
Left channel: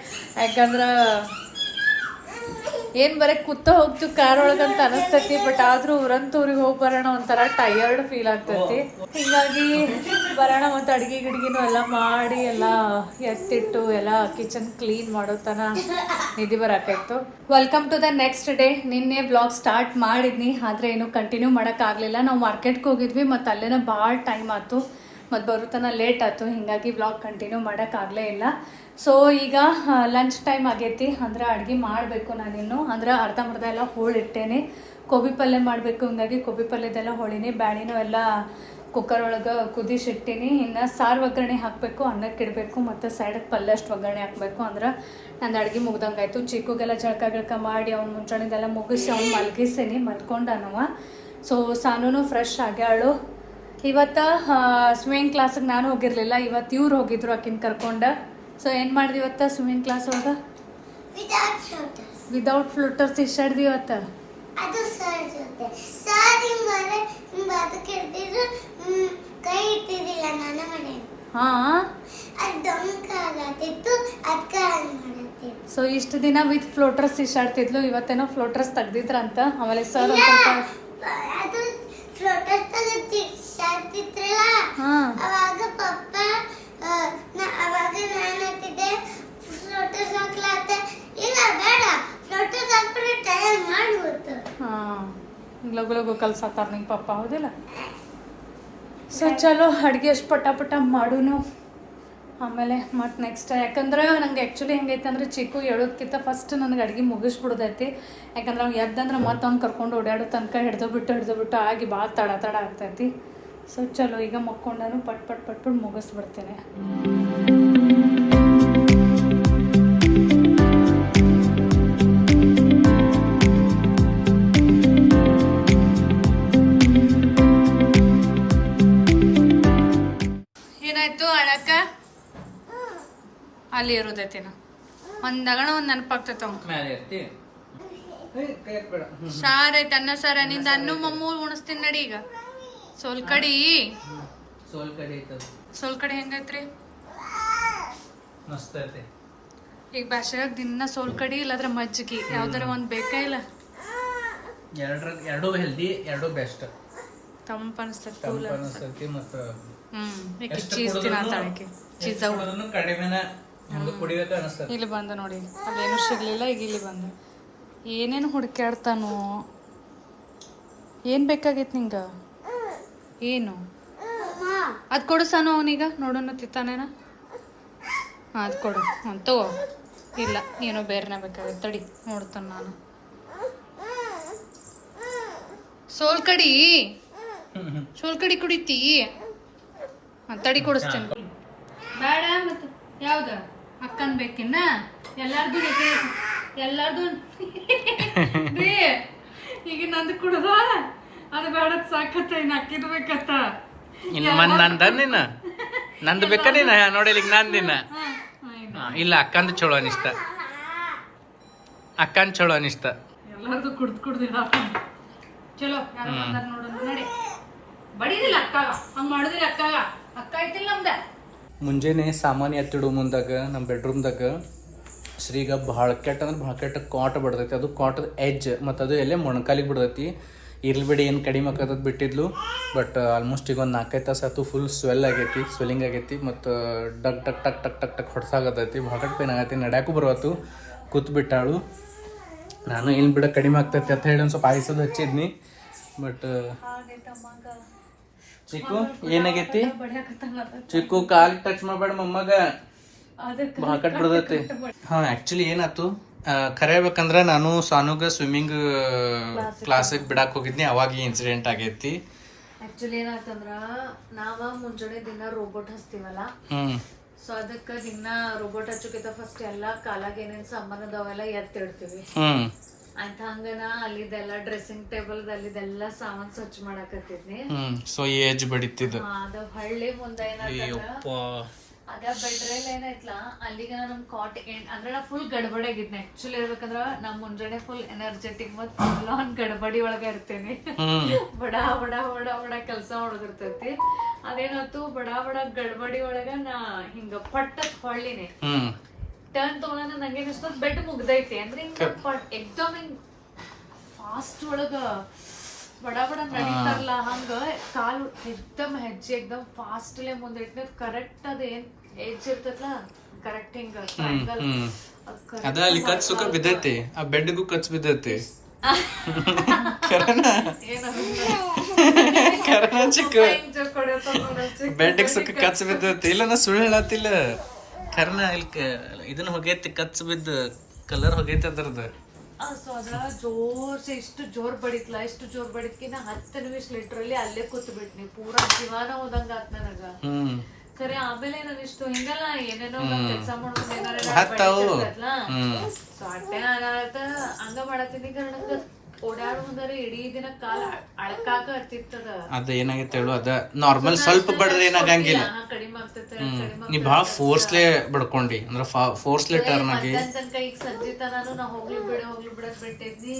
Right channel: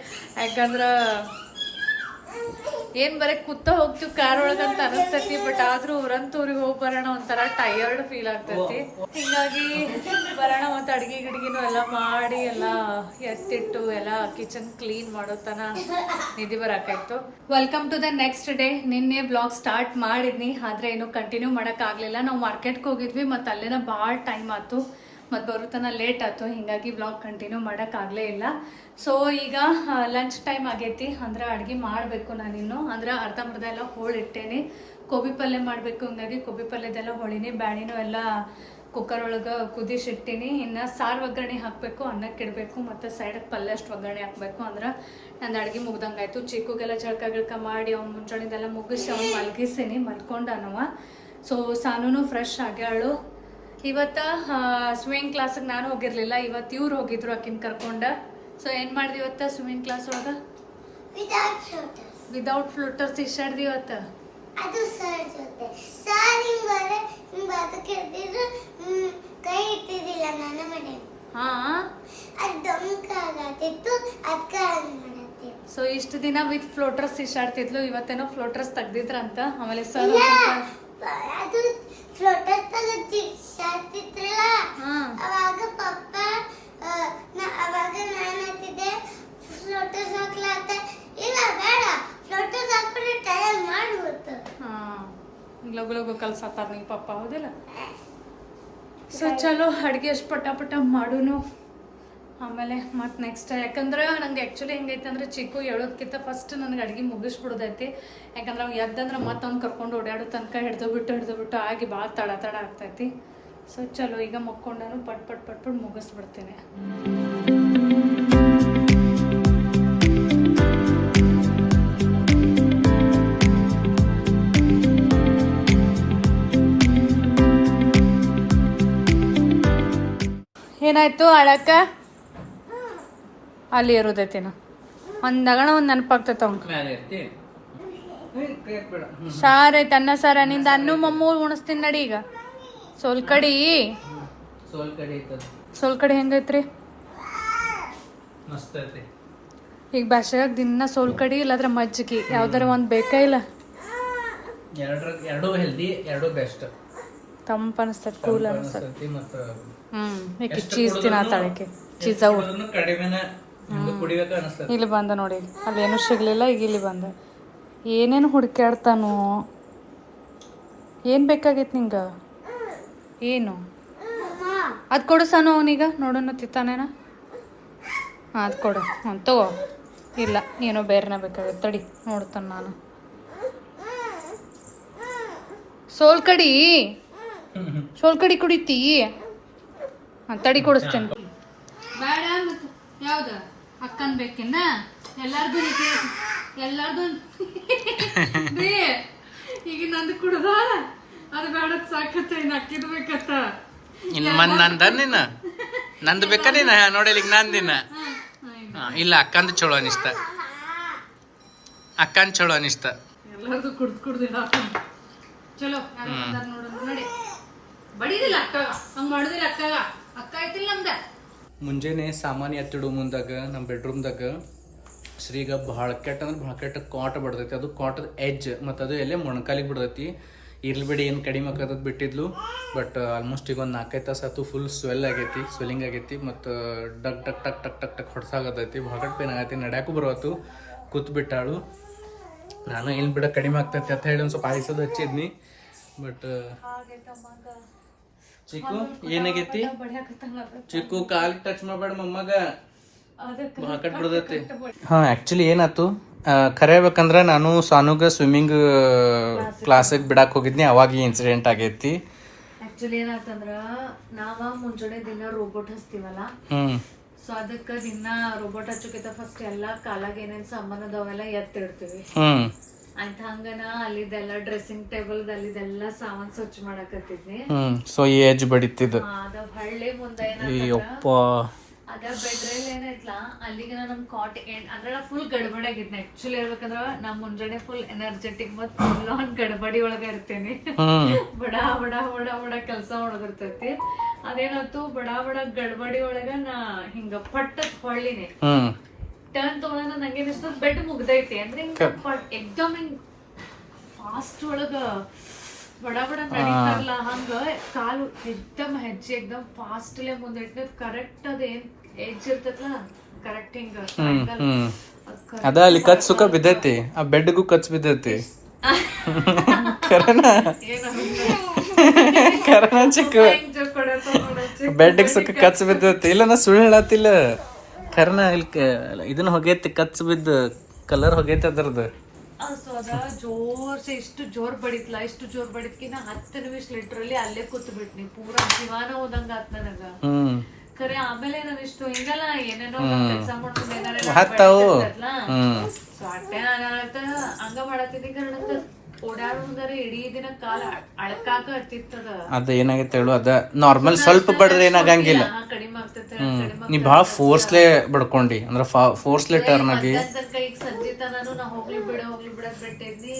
ಯಾಕಂದ್ರ ಏನ್ ಬರೀ ಕೂತ ಹೋಗ್ತೀವಿ ಕಾರ್ ಒಳಗಂತ ಅನಸ್ತೈತಿ, ಬಟ್ ಆದ್ರೂ ಊರಿಗೆ ಹೋಗಿ ಬರೋಣ ಒಂಥರ ಟಯರ್ಡ್ ಫೀಲ್ ಆಗ್ತೈತಿ. ಹಿಂಗಾಗಿ ಬರೋಣ ಮತ್ತೆ ಅಡ್ಗೆ ಗಿಡ್ಗಿನೂ ಎಲ್ಲ ಮಾಡಿ ಎಲ್ಲ ಎತ್ತಿಟ್ಟು ಎಲ್ಲ ಕಿಚನ್ ಕ್ಲೀನ್ ಮಾಡೋ ತನ ನಿಧಿ ಬರಾಕಾಯ್ತು. Welcome to the next day. ನಿನ್ನೆ ಬ್ಲಾಗ್ ಸ್ಟಾರ್ಟ್ ಮಾಡಿದ್ನಿ, ಆದ್ರೆ ಏನು ಕಂಟಿನ್ಯೂ ಮಾಡೋಕ್ಕಾಗಲಿಲ್ಲ. ನಾವು ಮಾರ್ಕೆಟ್ಗೆ ಹೋಗಿದ್ವಿ ಮತ್ತು ಅಲ್ಲೇನ ಭಾಳ ಟೈಮ್ ಆಯ್ತು, ಮತ್ತು ಬರುತ್ತನ ಲೇಟ್ ಆಯ್ತು. ಹೀಗಾಗಿ ಬ್ಲಾಗ್ ಕಂಟಿನ್ಯೂ ಮಾಡೋಕ್ಕಾಗಲೇ ಇಲ್ಲ. ಸೊ ಈಗ ಲಂಚ್ ಟೈಮ್ ಆಗೈತಿ, ಅಂದ್ರೆ ಅಡುಗೆ ಮಾಡಬೇಕು ನಾನಿನ್ನು. ಅಂದ್ರೆ ಅರ್ಧಂಬರ್ಧ ಎಲ್ಲ ಹೋಳಿಟ್ಟೇನೆ. ಗೋಬಿ ಪಲ್ಯ ಮಾಡಬೇಕು, ಹಿಂಗಾಗಿ ಗೋಬಿ ಪಲ್ಯದೆಲ್ಲ ಹೋಳಿನಿ. ಬ್ಯಾಡಿನೂ ಎಲ್ಲ ಕುಕ್ಕರ್ ಒಳಗೆ ಕುದಿಸಿಟ್ಟಿನಿ. ಇನ್ನು ಸಾರು ಒಗ್ಗರಣೆ ಹಾಕಬೇಕು, ಅನ್ನಕ್ಕೆ ಇಡಬೇಕು, ಮತ್ತು ಸೈಡಕ್ಕೆ ಪಲ್ಯ ಅಷ್ಟು ಒಗ್ಗರಣೆ ಹಾಕಬೇಕು. ಅಂದ್ರೆ ನಂದು ಅಡುಗೆ ಮುಗ್ದಂಗಾಯ್ತು. ಚಿಕ್ಕಗೆಲ್ಲ ಜಳಕ ಮಾಡಿ ಅವ್ನು ಮುಂಚಾಣಿದೆಲ್ಲ ಮುಗಿಸಿ ಅವ್ನು ಮಲಗಿಸೀನಿ, ಮಲ್ಕೊಂಡನವ. So ಸಾನೂ fresh ಆಗ್ಯಾಳು. ಇವತ್ತು ಸ್ವಿಮ್ಮಿಂಗ್ ಕ್ಲಾಸಿಗೆ ನಾನು ಹೋಗಿರಲಿಲ್ಲ, ಇವತ್ತು ಇವ್ರು ಹೋಗಿದ್ರು ಆಕಿನ ಕರ್ಕೊಂಡು. ಸೊ ಏನು ಮಾಡಿದೆ ಇವತ್ತು ಸ್ವಿಮ್ಮಿಂಗ್ ಕ್ಲಾಸ್ ಒಳಗೆ? ವಿದೌಟ್ ಫ್ಲೋಟರ್ಸ್ ಇಷ್ಟಾಡ್ದಿ ಇವತ್ತು. ಸೊ ಇಷ್ಟು ದಿನ ವಿತ್ ಫ್ಲೋಟರ್ಸ್ ಇಷ್ಟಾಡ್ತಿದ್ಲು, ಇವತ್ತೇನೋ ಫ್ಲೋಟರ್ಸ್ ತೆಗ್ದಿದ್ರಂತ. ಆಮೇಲೆ ಸರ್ ಒಂದು ಸ್ವಲ್ಪ ಅವಾಗ ಪಪ್ಪ ಅವಾಗ ನಾನು ಹೇಳ್ತಿದ್ದೆ ಫ್ಲೋಟರ್ಸ್ ಹಾಕ್ಲಾತ. ಇಲ್ಲ ಬೇಡ, ಫ್ಲೋಟರ್ಸ್ ಹಾಕ್ಬಿಟ್ಟು ಟೈಮ್ ಮಾಡ್ಬಿಟ್ಟು. ಲಗು ಕಲ್ಸತ್ತಾರ ನಿಂಗೆ ಪಪ್ಪ, ಹೌದಿಲ್ಲ? ಸೊ ಚಲೋ ಅಡುಗೆ ಅಷ್ಟು ಪಟ ಮಾಡೂನು. ಆಮೇಲೆ ಮತ್ತು ನೆಕ್ಸ್ಟ್, ಯಾಕಂದ್ರೆ ನಂಗೆ ಆ್ಯಕ್ಚುಲಿ ಹೆಂಗೈತೆ ಅಂದ್ರೆ ಚಿಕ್ಕು ಹೇಳೋದಕ್ಕಿಂತ ಫಸ್ಟ್ ನನಗೆ ಅಡುಗೆ ಮುಗಿಸ್ಬಿಡೋದೈತಿ. ಯಾಕಂದ್ರೆ ಅವ್ನು ಎದ್ದಂದ್ರೆ ಮತ್ತೆ ಅವ್ನು ಕರ್ಕೊಂಡು ಓಡಾಡೋ ತನಕ ಹಿಡ್ದು ಬಿಟ್ಟು ಆಗಿ ಭಾಳ ತಡ ಆಗ್ತೈತಿ. ಸೊ ಚಲೋ ಈಗ ಮಕ್ಕೊಂಡನು ಪಟ್ ಮುಗಿಸ್ಬಿಡ್ತೇನೆ. ಏನಾಯ್ತು ಅಳಕ್ಕ ಅಲ್ಲಿ ಇರೋದೈತಿನ ಒಂದ್ ನಗಣ ಒಂದ್ ನೆನಪಾಗ್ತೈತ ಅವಂಗ ಸಾರ್ ಐತೆ ಅನ್ನ ಸಾರ ನಿಂದ ಅನ್ನು ಮಮ್ಮೂ ಉಣಿಸ್ತೀನಿ ನಡಿ ಈಗ ಸೋಲ್ಕಡಿ ಸೋಲ್ಕಡಿ ಹೆಂಗೈತ್ರಿ ಮಸ್ತ್ ಐತಿ ಈಗ ಬ್ಯಾಸ್ಗ್ಯಾಗ ದಿನ ಸೋಲ್ಕಡಿ ಇಲ್ಲಾದ್ರೆ ಮಜ್ಜಿಗೆ ಯಾವ್ದಾರ ಒಂದ್ ಬೇಕಾ ಇಲ್ಲ ಎರಡು ಹೆಲ್ದಿ ಎರಡು ಬೆಸ್ಟ್ ತಂಪ ಅನಿಸ್ತದ ಕೂಲ್ ಅನಿಸ್ತದ ಮತ್ತು ಈಕಿ ಚೀಸ್ ತಿನ್ನತ್ತಾಳಕ್ಕೆ ಚೀಸ್ ಅವು ಕಡಿಮೆನ ಕುಡಿಬೇಕು ಅನಿಸ್ತದೆ ಇಲ್ಲಿ ಬಂದ ನೋಡಿ ಅಲ್ಲೇನು ಸಿಗ್ಲಿಲ್ಲ ಈಗ ಇಲ್ಲಿ ಬಂದ ಏನೇನು ಹುಡುಕ್ಯಾಡ್ತಾನು ಏನ್ ಬೇಕಾಗೈತಿ ನಿಂಗ ಏನು ಅದ್ ಕೊಡು ಸಾನು ಅವನೀಗ ನೋಡೋಣ ತಿತ್ತಾನೇನ ಅದ್ ಕೊಡು ತಗೋ ಇಲ್ಲ ಏನೋ ಬೇರೆನ ಬೇಕಾಗತ್ತೆ ತಡಿ ನೋಡ್ತಾನ ನಾನು ಸೋಲ್ಕಡಿ ಕುಡಿತಿ ತಡಿ ಕೊಡಿಸ್ತೇನೆ ಬೇಡ ಮತ್ತೆ ಯಾವ್ದ ಅಕ್ಕನ್ ಬೇಕಿನ್ನ ಎಲ್ಲಾರ್ದು ಎಲ್ಲಾರ್ದು ಈಗ ನಂದು ಕುಡ್ದ ಅದು ಬೇಡ ಸಾಕತ್ತ ಇನ್ನು ಅಕ್ಕಿದ್ ಬೇಕತ್ತ ಇನ್ನು ಮಂದ್ ನಂದ ನಿನ್ನ ನಂದು ಬೇಕಾ ನೀನ ನೋಡಿಲ್ಲ ಈಗ ನಂದಿನ ಇಲ್ಲ ಅಕ್ಕಂದು ಚಲೋ ಅನಿಸ್ತ ಅಕ್ಕಂದು ಚಲೋ ಅನಿಸ್ತ ಎಲ್ಲಾರ್ದು ಕುಡ್ದಿಲ್ಲ ಚಲೋ ನೋಡೋಣ ನೋಡಿ ಬಡಿದಿಲ್ಲ ಅಕ್ಕಾಗ ಹಂಗ ಮಾಡುದಿಲ್ಲ ಅಕ್ಕಾಗ ಅಕ್ಕ ಐತಿಲ್ಲ ನಮ್ದ ಮುಂಜಾನೆ ಸಾಮಾನ್ಯ ಎತ್ತಿಡು ಮುಂದಾಗ ನಮ್ಮ ಬೆಡ್ರೂಮ್ದಾಗ ಶ್ರೀಗ ಭಾಳ ಕೆಟ್ಟ ಅಂದ್ರೆ ಭಾಳ ಕೆಟ್ಟ ಕಾಟ ಬಿಡ್ತೈತಿ ಅದು ಕಾಟದ ಎಜ್ ಮತ್ತು ಅದು ಎಲ್ಲೇ ಮೊಣಕಾಲಿಗೆ ಬಿಡ್ತೈತಿ ಇರ್ಲಿ ಬಿಡಿ ಏನು ಕಡಿಮೆ ಆಕತ್ತದ ಬಿಟ್ಟಿದ್ಲು ಬಟ್ ಆಲ್ಮೋಸ್ಟ್ ಈಗ ಒಂದು 4-5 ತಾಸು ಆಯ್ತು ಫುಲ್ ಸ್ವೆಲ್ಲಿಂಗ್ ಆಗೈತಿ ಮತ್ತು ಡಕ್ ಟಕ್ ಟಕ್ ಟಕ್ ಟಕ್ ಟಕ್ ಹೊಡ್ಸಾಗತೈತಿ ಭಾಳ ಪೇನ್ ಆಗೈತಿ ನಡ್ಯಾಕು ಬರುವತ್ತು ಕೂತ್ ಬಿಟ್ಟಾಳು ನಾನು ಏನು ಬಿಡ ಕಡಿಮೆ ಆಗ್ತೈತಿ ಅಂತ ಹೇಳಿ ಒಂದು ಸ್ವಲ್ಪ ಆಯ್ಸೋದು ಹಚ್ಚಿದ್ನಿ ಬಟ್ ಚಿಕ್ಕು ಏನಾಗೈತಿ ಚಿಕ್ಕು ಕಾಲ್ ಟಚ್ ಮಾಡಬೇಡ ಮೊಮ್ಮಗ ಭಾಳ ಕಟ್ ಬಿಡ್ತೈತಿ ಹಾಂ ಆ್ಯಕ್ಚುಲಿ ಏನಾಯ್ತು ಖರೆ ಹೇಳ್ಬೇಕಂದ್ರೆ ನಾನು ಸಾನುಗ ಸ್ವಿಮ್ಮಿಂಗ್ ಕ್ಲಾಸಿಗೆ ಬಿಡಾಕ್ ಹೋಗಿದ್ನಿ ಅವಾಗ ಈ ಇನ್ಸಿಡೆಂಟ್ ಆಗೈತಿ ಆಕ್ಚುಲಿ ಏನಾಯ್ತಂದ್ರ ನಾವ ಮುಂಜಾನೆ ದಿನ ರೋಬೋಟ್ ಹಚ್ತೀವಲ್ಲ ಸೊ ಅದಕ್ಕ ದಿನ ರೋಬೋಟ್ ಹಚ್ಚೋಕಿಂತ ಫಸ್ಟ್ ಎಲ್ಲಾ ಕಾಲಾಗ ಏನೇನ್ ಸಾಮಾನ್ ಅದಾವೆಲ್ಲ ಎತ್ತಿಡ್ತೀವಿ ಅಂತ ಹಂಗನ ಅಲ್ಲಿದೆಲ್ಲ ಡ್ರೆಸ್ಸಿಂಗ್ ಟೇಬಲ್ ಅಲ್ಲಿದೆಲ್ಲ ಸಾಮಾನ್ ಸ್ವಚ್ಛ ಮಾಡಕತ್ತಿದ್ನಿ ಸೊ ಈ ಏಜ್ ಬಡಿತಿದ್ದು ಅದ ಹಳ್ಳಿ ಮುಂದೆ ಅದ ಬೆಡ್ರೇಲ್ ಏನೈತ್ಲಾ ಅಲ್ಲಿಗೆ ನಮ್ ಕಾಟ್ ಅಂದ್ರೆ ನಾ ಫುಲ್ ಗಡ್ಬಡಿ ಆಗಿದ್ನ ಆಕ್ಚುಲಿ ಹೇಳ್ಬೇಕಂದ್ರ ನಾ ಮುಂಜಾನೆ ಫುಲ್ ಎನರ್ಜೆಟಿಕ್ ಮತ್ ಫುಲ್ ಆನ್ ಗಡ್ಬಡಿ ಒಳಗ ಇರ್ತೇನಿ ಬಡ ಬಡ ಬಡ ಬಡ ಕೆಲ್ಸ ಒಳಗಿರ್ತೈತಿ ಅದೇನಾಯ್ತು ಬಡ ಬಡ ಗಡ್ಬಡಿ ಒಳಗ ನಾ ಹಿಂಗ ಪಟ್ಟತ್ ಹೊಳ್ಳಿನಿ ಟರ್ನ್ ತಗೊಳ ನಂಗೇನಿಸ್ತು ಬೆಡ್ ಮುಗ್ದೈತಿ ಅಂದ್ರೆ ಹಿಂಗ ಎಕ್ದಮ್ ಹಿಂಗ್ ಫಾಸ್ಟ್ ಒಳಗ ಬಡ ಬಡ ನಡೀತಾರಲ್ಲ ಹಂಗ ಕಾಲು ಎಕ್ದಮ್ ಹೆಜ್ಜೆ ಎಕ್ದಮ್ ಫಾಸ್ಟ್ ಲೇ ಮುಂದಿಟ್ಟ ಕರೆಕ್ಟ್ ಅದ ಏನ್ ಏಜ್ ಇರ್ತೈತ್ಲ ಕರೆಕ್ಟ್ ಹಿಂಗ ಅದ ಅಲ್ಲಿ ಕಚ್ ಸುಖ ಬಿದ್ದೈತಿ ಆ ಬೆಡ್ಗೂ ಕಚ್ ಬಿದ್ದೈತಿ ಚಿಕ್ಕ ಬೆಡ್ಗೆ ಸುಖ ಕಚ್ ಬಿದ್ದೈತಿ ಇಲ್ಲ ನಾ ಸುಳ್ಳು ಹೇಳತ್ತಿಲ್ಲ ಕರ್ನ ಇಲ್ಲಿ ಇದನ್ನ ಹೋಗೈತಿ ಕಚ್ ಬಿದ್ದ ಕಲರ್ ಹೋಗೈತಿ ಅದ್ರದ್ದು ಸೊ ಅದ ಜೋರ್ಸಿ ಇಷ್ಟು ಜೋರ್ ಬಡಿತ್ಲಾ ಇಷ್ಟು ಜೋರ್ ಬಡಿದ್ಕಿನ 10 ನಿಮಿಷ ಲಿಟ್ರಲಿ ಅಲ್ಲೇ ಕೂತ್ ಬಿಟ್ನಿ ಪೂರಾ ಜೀವಾನ ಹೋದಂಗ ಆತ್ ನನಗ ಖರೆ ಆಮೇಲೆ ನಾನು ಇಷ್ಟು ಹಿಂಗಲ್ಲ ಏನೇನೋ ಕೆಲಸ ಮಾಡೋದು ಸೊ ಅಟ್ಟೆ ಹಂಗ ಮಾಡತ್ತೀನಿ ನಂಗ ಓಡಾಡ ಮುಂದಾರೆ ಇಡೀ ದಿನ ಕಾಲ ಅಳಕಾಕ ಹತ್ತಿರ್ತದ ಅದ ಏನಾಗೈತೆ ಹೇಳು ಅದ ನಾರ್ಮಲ್ ಸ್ವಲ್ಪ ಬಡದ್ರೆ ಏನಾಗಂಗಿಲ್ಲ ಕಡಿಮೆ ಆಗ್ತೈತೆ ನೀ ಭಾಳ ಫೋರ್ಸ್ಲೇ ಬಡ್ಕೊಂಡಿ ಅಂದ್ರೆ ಫೋರ್ಸ್ಲೇ ಟರ್ನ್ ಆಗಿ ಈಗ ಸಂಜೆ ತನಾನು ನಾ ಹೋಗ್ಲಿ ಬಿಡಕ್ ಬಿಟ್ಟಿದ್ನಿ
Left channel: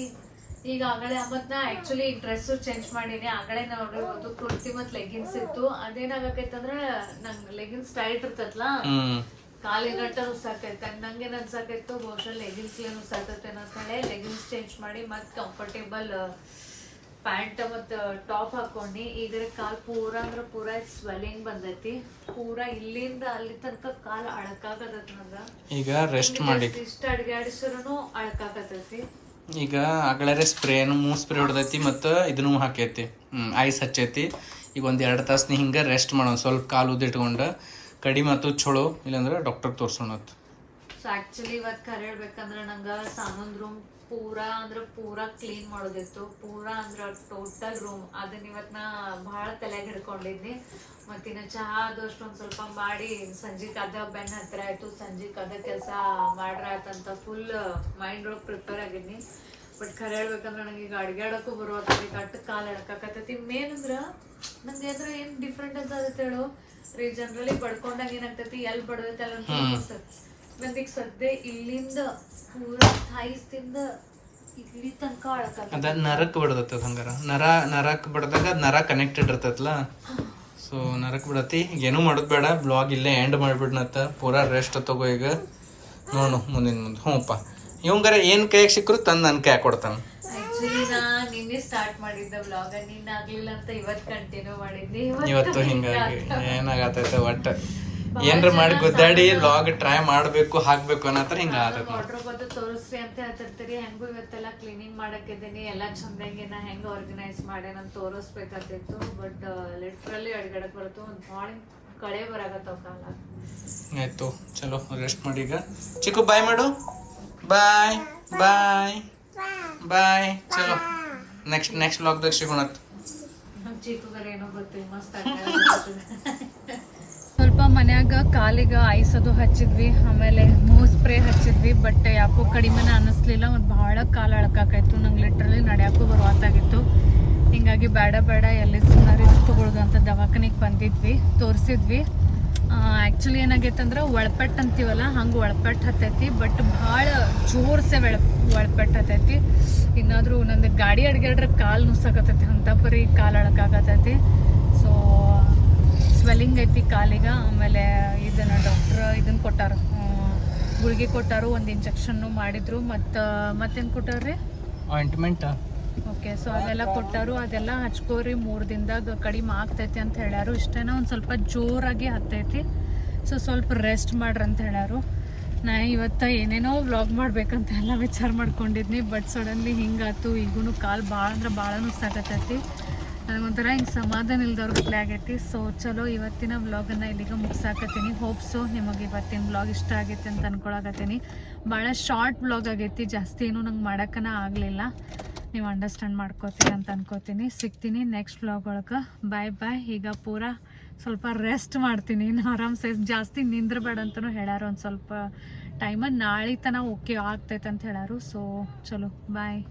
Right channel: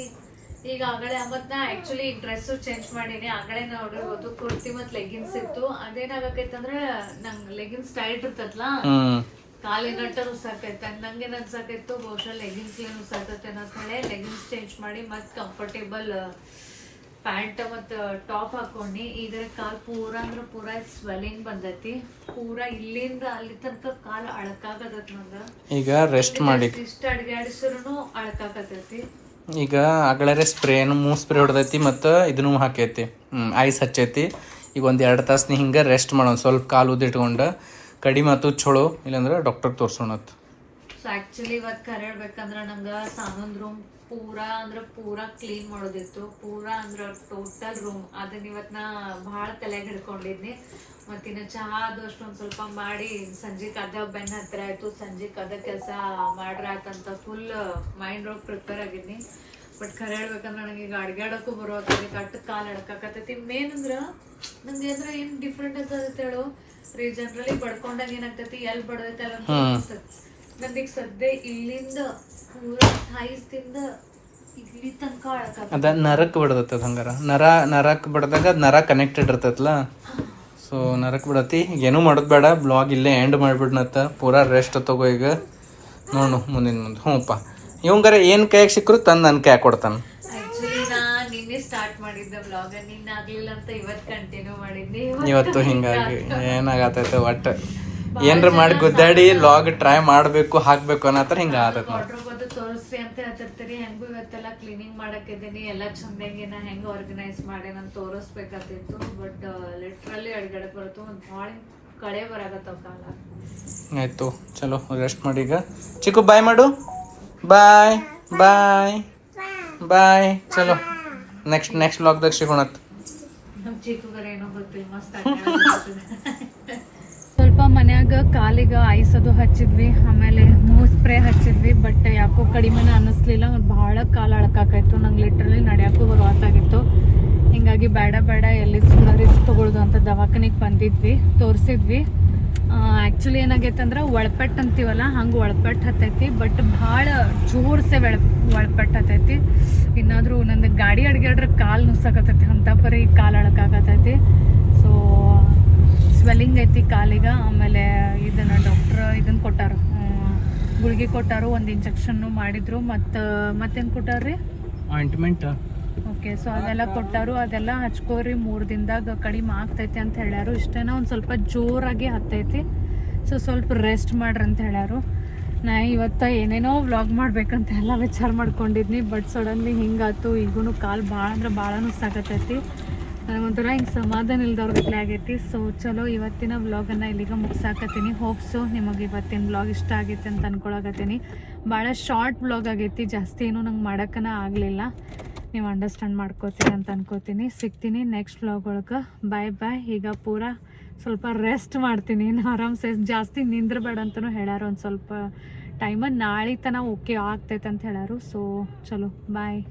ಈಗ ಆಗಲೇ ಮತ್ ನಾ ಆಕ್ಚುಲಿ ಡ್ರೆಸ್ ಚೇಂಜ್ ಮಾಡೀನಿ ಆಗಲೇ ನೋಡಿರ್ಬೋದು ಕುರ್ತಿ ಮತ್ ಲೆಗಿನ್ಸ್ ಇತ್ತು ಅದೇನಾಗೈತಂದ್ರ ನಂಗ್ ಲೆಗಿನ್ಸ್ ಟೈಟ್ ಇರ್ತತ್ಲಾ ಕಾಲಿಗಟ್ಟ ಉಸಾಕೈತೆ ನಂಗೇನ್ ಅನ್ಸಾಕೈತು ಬಹುಶಃ ಲೆಗಿನ್ಸ್ ಏನ್ ಉಸಾಕೈತೆ ಅಂತ ಹೇಳಿ ಲೆಗಿನ್ಸ್ ಚೇಂಜ್ ಮಾಡಿ ಮತ್ ಕಂಫರ್ಟೇಬಲ್ ಪ್ಯಾಂಟ್ ಮತ್ ಟಾಪ್ ಹಾಕೊಂಡಿ ಈಗ ಕಾಲ್ ಪೂರಾ ಅಂದ್ರ ಪೂರಾ ಸ್ವೆಲ್ಲಿಂಗ್ ಬಂದೈತಿ ಪೂರಾ ಇಲ್ಲಿಂದ ಅಲ್ಲಿ ತನಕ ಕಾಲ್ ಅಳಕಾಗತೈತಿ ನಂಗ ಈಗ ರೆಸ್ಟ್ ಮಾಡಿ ಇಷ್ಟ ಅಡ್ಗಾಡಿಸ್ರು ಅಳಕಾಗತೈತಿ ಈಗ ಆಗಲೇ ಸ್ಪ್ರೇನು ಮೂವ್ ಸ್ಪ್ರೇ ಹೊಡೆದೈತಿ ಮತ್ತು ಇದನ್ನು ಹಾಕೈತಿ ಐಸ್ ಹಚ್ಚೈತಿ ಈಗ ಒಂದು 2 ತಾಸು ನೀ ಹಿಂಗೆ ರೆಸ್ಟ್ ಮಾಡೋಣ ಸ್ವಲ್ಪ ಕಾಲು ಉದ್ದಿಟ್ಕೊಂಡು ಕಡಿಮೆ ಆತು ಚಲೋ ಇಲ್ಲಾಂದ್ರೆ ಡಾಕ್ಟರ್ ತೋರ್ಸೋಣ. ಸೊ ಆಕ್ಚುಲಿ ಇವತ್ತು ಕರೆ ಹೇಳ್ಬೇಕಂದ್ರೆ ನಂಗೆ ಸಾನೊಂದ್ ರೂಮ್ ಪೂರಾ ಕ್ಲೀನ್ ಮಾಡೋದಿತ್ತು ಪೂರಾ ಅಂದ್ರೆ ಟೋಟಲ್ ರೂಮ್ ಅದನ್ನ ಇವತ್ತು ನಾ ಭಾಳ ತಲೆಗೆ ಹಿಡ್ಕೊಂಡಿದ್ನಿ ಮತ್ತಿನ್ನ ಚಹಾ ಅದು ಅಷ್ಟೊಂದು ಸ್ವಲ್ಪ ಮಾಡಿ ಸಂಜೆಗೆ ಅದ ಬೆನ್ನ ಹತ್ರ ಆಯ್ತು ಸಂಜೆಗೆ ಅದ ಕೆಲಸ ಮಾಡ್ರ ಆಯ್ತಂತ ಫುಲ್ ಮೈಂಡ್ ಒಳಗೆ ಪ್ರಿಪೇರ್ ಆಗಿದ್ನಿ ಬಟ್ ಖರೆ ಹೇಳ್ಬೇಕಂದ್ರೆ ನನಗೆ ಈಗ ಅಡ್ಗಾಡಕ್ಕೂ ಬರೋದ್ರಿ ಕಟ್ಟು ಕಾಲು ಎಡಕಾಕತ್ತೈತಿ ಮೇನ್ ಅಂದ್ರೆ ನಂಗೆ ಅಂದ್ರೆ ಏನು ಡಿಫ್ರೆಂಟ್ ಅನ್ಸತ್ತೆ ಹೇಳು ಜನರಲಿ ಬಡ್ಕೊಂಡಾಗ ಏನಾಗ್ತೈತಿ ಎಲ್ಲಿ ಬಡದೈತಲ್ಲ ಅಂತ ಅನ್ಸ್ತೈತಿ. ನಂದೀಗ ಸದ್ಯ ಇಲ್ಲಿಂದ ಪೂರಾ ಥೈಸ್ದಿಂದ ಇಲ್ಲಿ ತನಕ ಅದ ನರಕ್ ಬಿಡದತ್ತ ಹಂಗಾರ ನರಕ್ ಬಡ್ದಾಗ ನರ ಕನೆಕ್ಟೆಡ್ ಇರ್ತೈತಲ್ಲ, ಸೊ ನರಕ್ ಬಿಡತಿ. ಏನೂ ಮಾಡೋದು ಬೇಡ, ಬ್ಲಾಗ್ ಇಲ್ಲೇ ಎಂಡ್ ಮಾಡ್ಬಿಡ್ನತ್ತ. ಪೂರಾ ರೆಸ್ಟ್ ತಗೋ ಈಗ, ನೋಡು ಮುಂದಿನ ಮುಂದೆ. ಹ್ಞೂಪ್ಪ ಇವಂಗಾರ ಏನು ಕೈಯಾಗ ಸಿಕ್ಕರು ತಂದು ನನ್ನ ಕೈಯಾಗ ಕೊಡ್ತಾನೆ. ಆಕ್ಚುಲಿ ನಾ ನಿನ್ನೆ ಸ್ಟಾರ್ಟ್ ಮಾಡಿದ್ದೆ ಬ್ಲಾಗ್, ನಿನ್ನ ಆಗ್ಲಿಲ್ಲ ಅಂತ ಇವತ್ತು ಕಂಟಿನ್ಯೂ ಮಾಡಿದ್ನಿ. ಇವತ್ತು ಹಿಂಗಾಗಿ ಏನಾಗತೈತೆ ಒಟ್ಟು ಏನ್ರ ಮಾಡಿ ಗುದ್ದಾಡಿ ಲಾಗ್ ಟ್ರೈ ಮಾಡಬೇಕು ಹಾಕ್ಬೇಕು ಅನ್ನತ್ರ ಹಿಂಗೆ ಆಗತ್ತೆ. ವಾಟರ್ ಬಂದು ತೋರಿಸ್ರಿ ಅಂತ ಹೇಳ್ತಿರ್ತೀರಿ. ಹೆಂಗೂ ಇವತ್ತೆಲ್ಲ ಕ್ಲೀನಿಂಗ್ ಮಾಡಕ್ಕಿದ್ದೀನಿ, ಎಲ್ಲ ಚಂದಾಗಿ ನಾ ಹೆಂಗೆ ಆರ್ಗನೈಸ್ ಮಾಡೇನಂತ ತೋರಿಸ್ಬೇಕಾಗ್ತಿತ್ತು. ಬಟ್ ಲಿಟ್ರಲಿ ಅಡ್ಗಡಕ್ ಬರತ್ತು, ಒಂದು ಭಾಳ ಕಡೆ ಬರಾಕತ್ತಾವ ಕಾಲ. ಆಯ್ತು, ಚಲೋ ರೆಸ್ಟ್ ಮಾಡಿ ಈಗ. ಚಿಕ್ಕು ಬಾಯ್ ಮಾಡು. ಬಾಯ್ ಬಾಯ್ ಬಾಯ್. ಚಲೋ ನೆಕ್ಸ್ಟ್ ಲಾಗ್ದಾಗ ಸಿಗೋಣತ್. ನಮ್ಮ ಚಿಕ್ಕಗರ ಏನೋ ಗೊತ್ತಿಲ್ಲ, ಮಸ್ತ್ ಸ್ವಲ್ಪ ಮನ್ಯಾಗ ಕಾಲಿಗೆ ಐಸ್ ಅದು ಹಚ್ಚಿದ್ವಿ, ಆಮೇಲೆ ಮೂವ್ ಸ್ಪ್ರೇ ಹಚ್ಚಿದ್ವಿ. ಬಟ್ ಯಾಕೋ ಕಡಿಮೆನ ಅನ್ನಿಸ್ಲಿಲ್ಲ, ಒಂದು ಭಾಳ ಕಾಲು ಅಳಕಾಕಾಯ್ತು. ನಂಗೆ ಲಿಟ್ರಲಿ ನಡೆಯೋಕ್ಕೂ ಬರುವತ್ತಾಗಿತ್ತು. ಹಿಂಗಾಗಿ ಬೇಡ ಎಲ್ಲಿ ಸುಮ್ಮನೆ ರಿಸ್ಕ್ ತೊಗೊಳ್ದು ಅಂತ ದವಾಖಾನಿಗೆ ಬಂದಿದ್ವಿ, ತೋರಿಸಿದ್ವಿ. ಆ್ಯಕ್ಚುಲಿ ಏನಾಗೈತೆ ಅಂದ್ರೆ ಒಳಪೆಟ್ಟು ಅಂತೀವಲ್ಲ, ಹಂಗೆ ಒಳಪೆಟ್ಟು ಹತ್ತೈತಿ. ಬಟ್ ಭಾಳ ಜೋರ್ಸೆ ಒಳಪೆಟ್ಟು ಹತ್ತೈತಿ. ಇನ್ನಾದರೂ ನಂದು ಗಾಡಿ ಅಡ್ಗಾಡ್ರೆ ಕಾಲು ನುಸ್ಸಾಕತ್ತೈತಿ, ಅಂಥ ಪರಿ ಕಾಲು ಅಳಕಾಕತ್ತೈತಿ. ಸೊ ಸ್ವೆಲ್ಲಿಂಗ್ ಐತಿ ಕಾಲಿಗೆ. ಆಮೇಲೆ ಇದನ್ನು ಡಾಕ್ಟ್ರ್ ಇದನ್ನು ಕೊಟ್ಟಾರು, ಗುಳಿಗೆ ಕೊಟ್ಟಾರು, ಒಂದು ಇಂಜೆಕ್ಷನ್ನು ಮಾಡಿದ್ರು. ಮತ್ತೇನು ಕೊಟ್ಟಾರ್ರಿ? ಆಯಿಂಟ್ಮೆಂಟ್. ಓಕೆ, ಸೊ ಅದೆಲ್ಲ ಕೊಟ್ಟಾರು. ಅದೆಲ್ಲ ಹಚ್ಕೋರಿ, 3 ದಿನದಾಗ ಕಡಿಮೆ ಆಗ್ತೈತಿ ಅಂತ ಹೇಳ್ಯಾರು. ಇಷ್ಟೇನ ಒಂದು ಸ್ವಲ್ಪ ಜೋರಾಗಿ ಹತ್ತೈತಿ, ಸೊ ಸ್ವಲ್ಪ ರೆಸ್ಟ್ ಮಾಡ್ರಿ ಅಂತ ಹೇಳ್ಯಾರು. ನಾ ಇವತ್ತು ಏನೇನೋ ವ್ಲಾಗ್ ಮಾಡ್ಬೇಕಂತ ಎಲ್ಲ ವಿಚಾರ ಮಾಡ್ಕೊಂಡಿದ್ನಿ. But suddenly ಹಿಂಗಾತು. ಈಗೂ ಕಾಲು ಭಾಳ ಅಂದ್ರೆ ಭಾಳ ನುಸ್ಸಾಕತ್ತೈತಿ. ನನಗೊಂಥರ ಹಿಂಗೆ ಸಮಾಧಾನ ಇಲ್ದವ್ರ ಆಗೈತಿ. ಸೊ ಚಲೋ ಇವತ್ತಿನ ವ್ಲಾಗನ್ನು ಇಲ್ಲಿಗೆ ಮುಗಿಸಾಕತ್ತೀನಿ. ಹೋಪ್ಸು ನಿಮಗೆ ಇವತ್ತಿನ ವ್ಲಾಗ್ ಇಷ್ಟ ಆಗೈತಿ ಅಂತ ಅನ್ಕೊಳಕತ್ತೀನಿ. ಭಾಳ ಶಾರ್ಟ್ ವ್ಲಾಗ್ ಆಗೈತಿ, ಜಾಸ್ತಿ ಏನೂ ನಂಗೆ ಮಾಡೋಕ್ಕನ ಆಗಲಿಲ್ಲ. ನೀವು ಅಂಡರ್ಸ್ಟ್ಯಾಂಡ್ ಮಾಡ್ಕೋತೀರಿ ಅಂತ ಅನ್ಕೋತೀನಿ. ಸಿಗ್ತೀನಿ ನೆಕ್ಸ್ಟ್ ವ್ಲಾಗ್ ಒಳಗೆ. ಬಾಯ್. ಈಗ ಪೂರಾ ಸ್ವಲ್ಪ ರೆಸ್ಟ್ ಮಾಡ್ತೀನಿ. ಆರಾಮ್ಸೆ ಜಾಸ್ತಿ ನಿಂದ್ರಬೇಡ ಅಂತಲೂ ಹೇಳ್ಯಾರು. ಒಂದು ಸ್ವಲ್ಪ ಟೈಮನ್ನು ನಾಳೆ ತನಕ ಓಕೆ ಆಗ್ತೈತೆ ಅಂತ ಹೇಳ್ಯಾರು. ಸೊ ಚಲೋ ಬಾಯ್.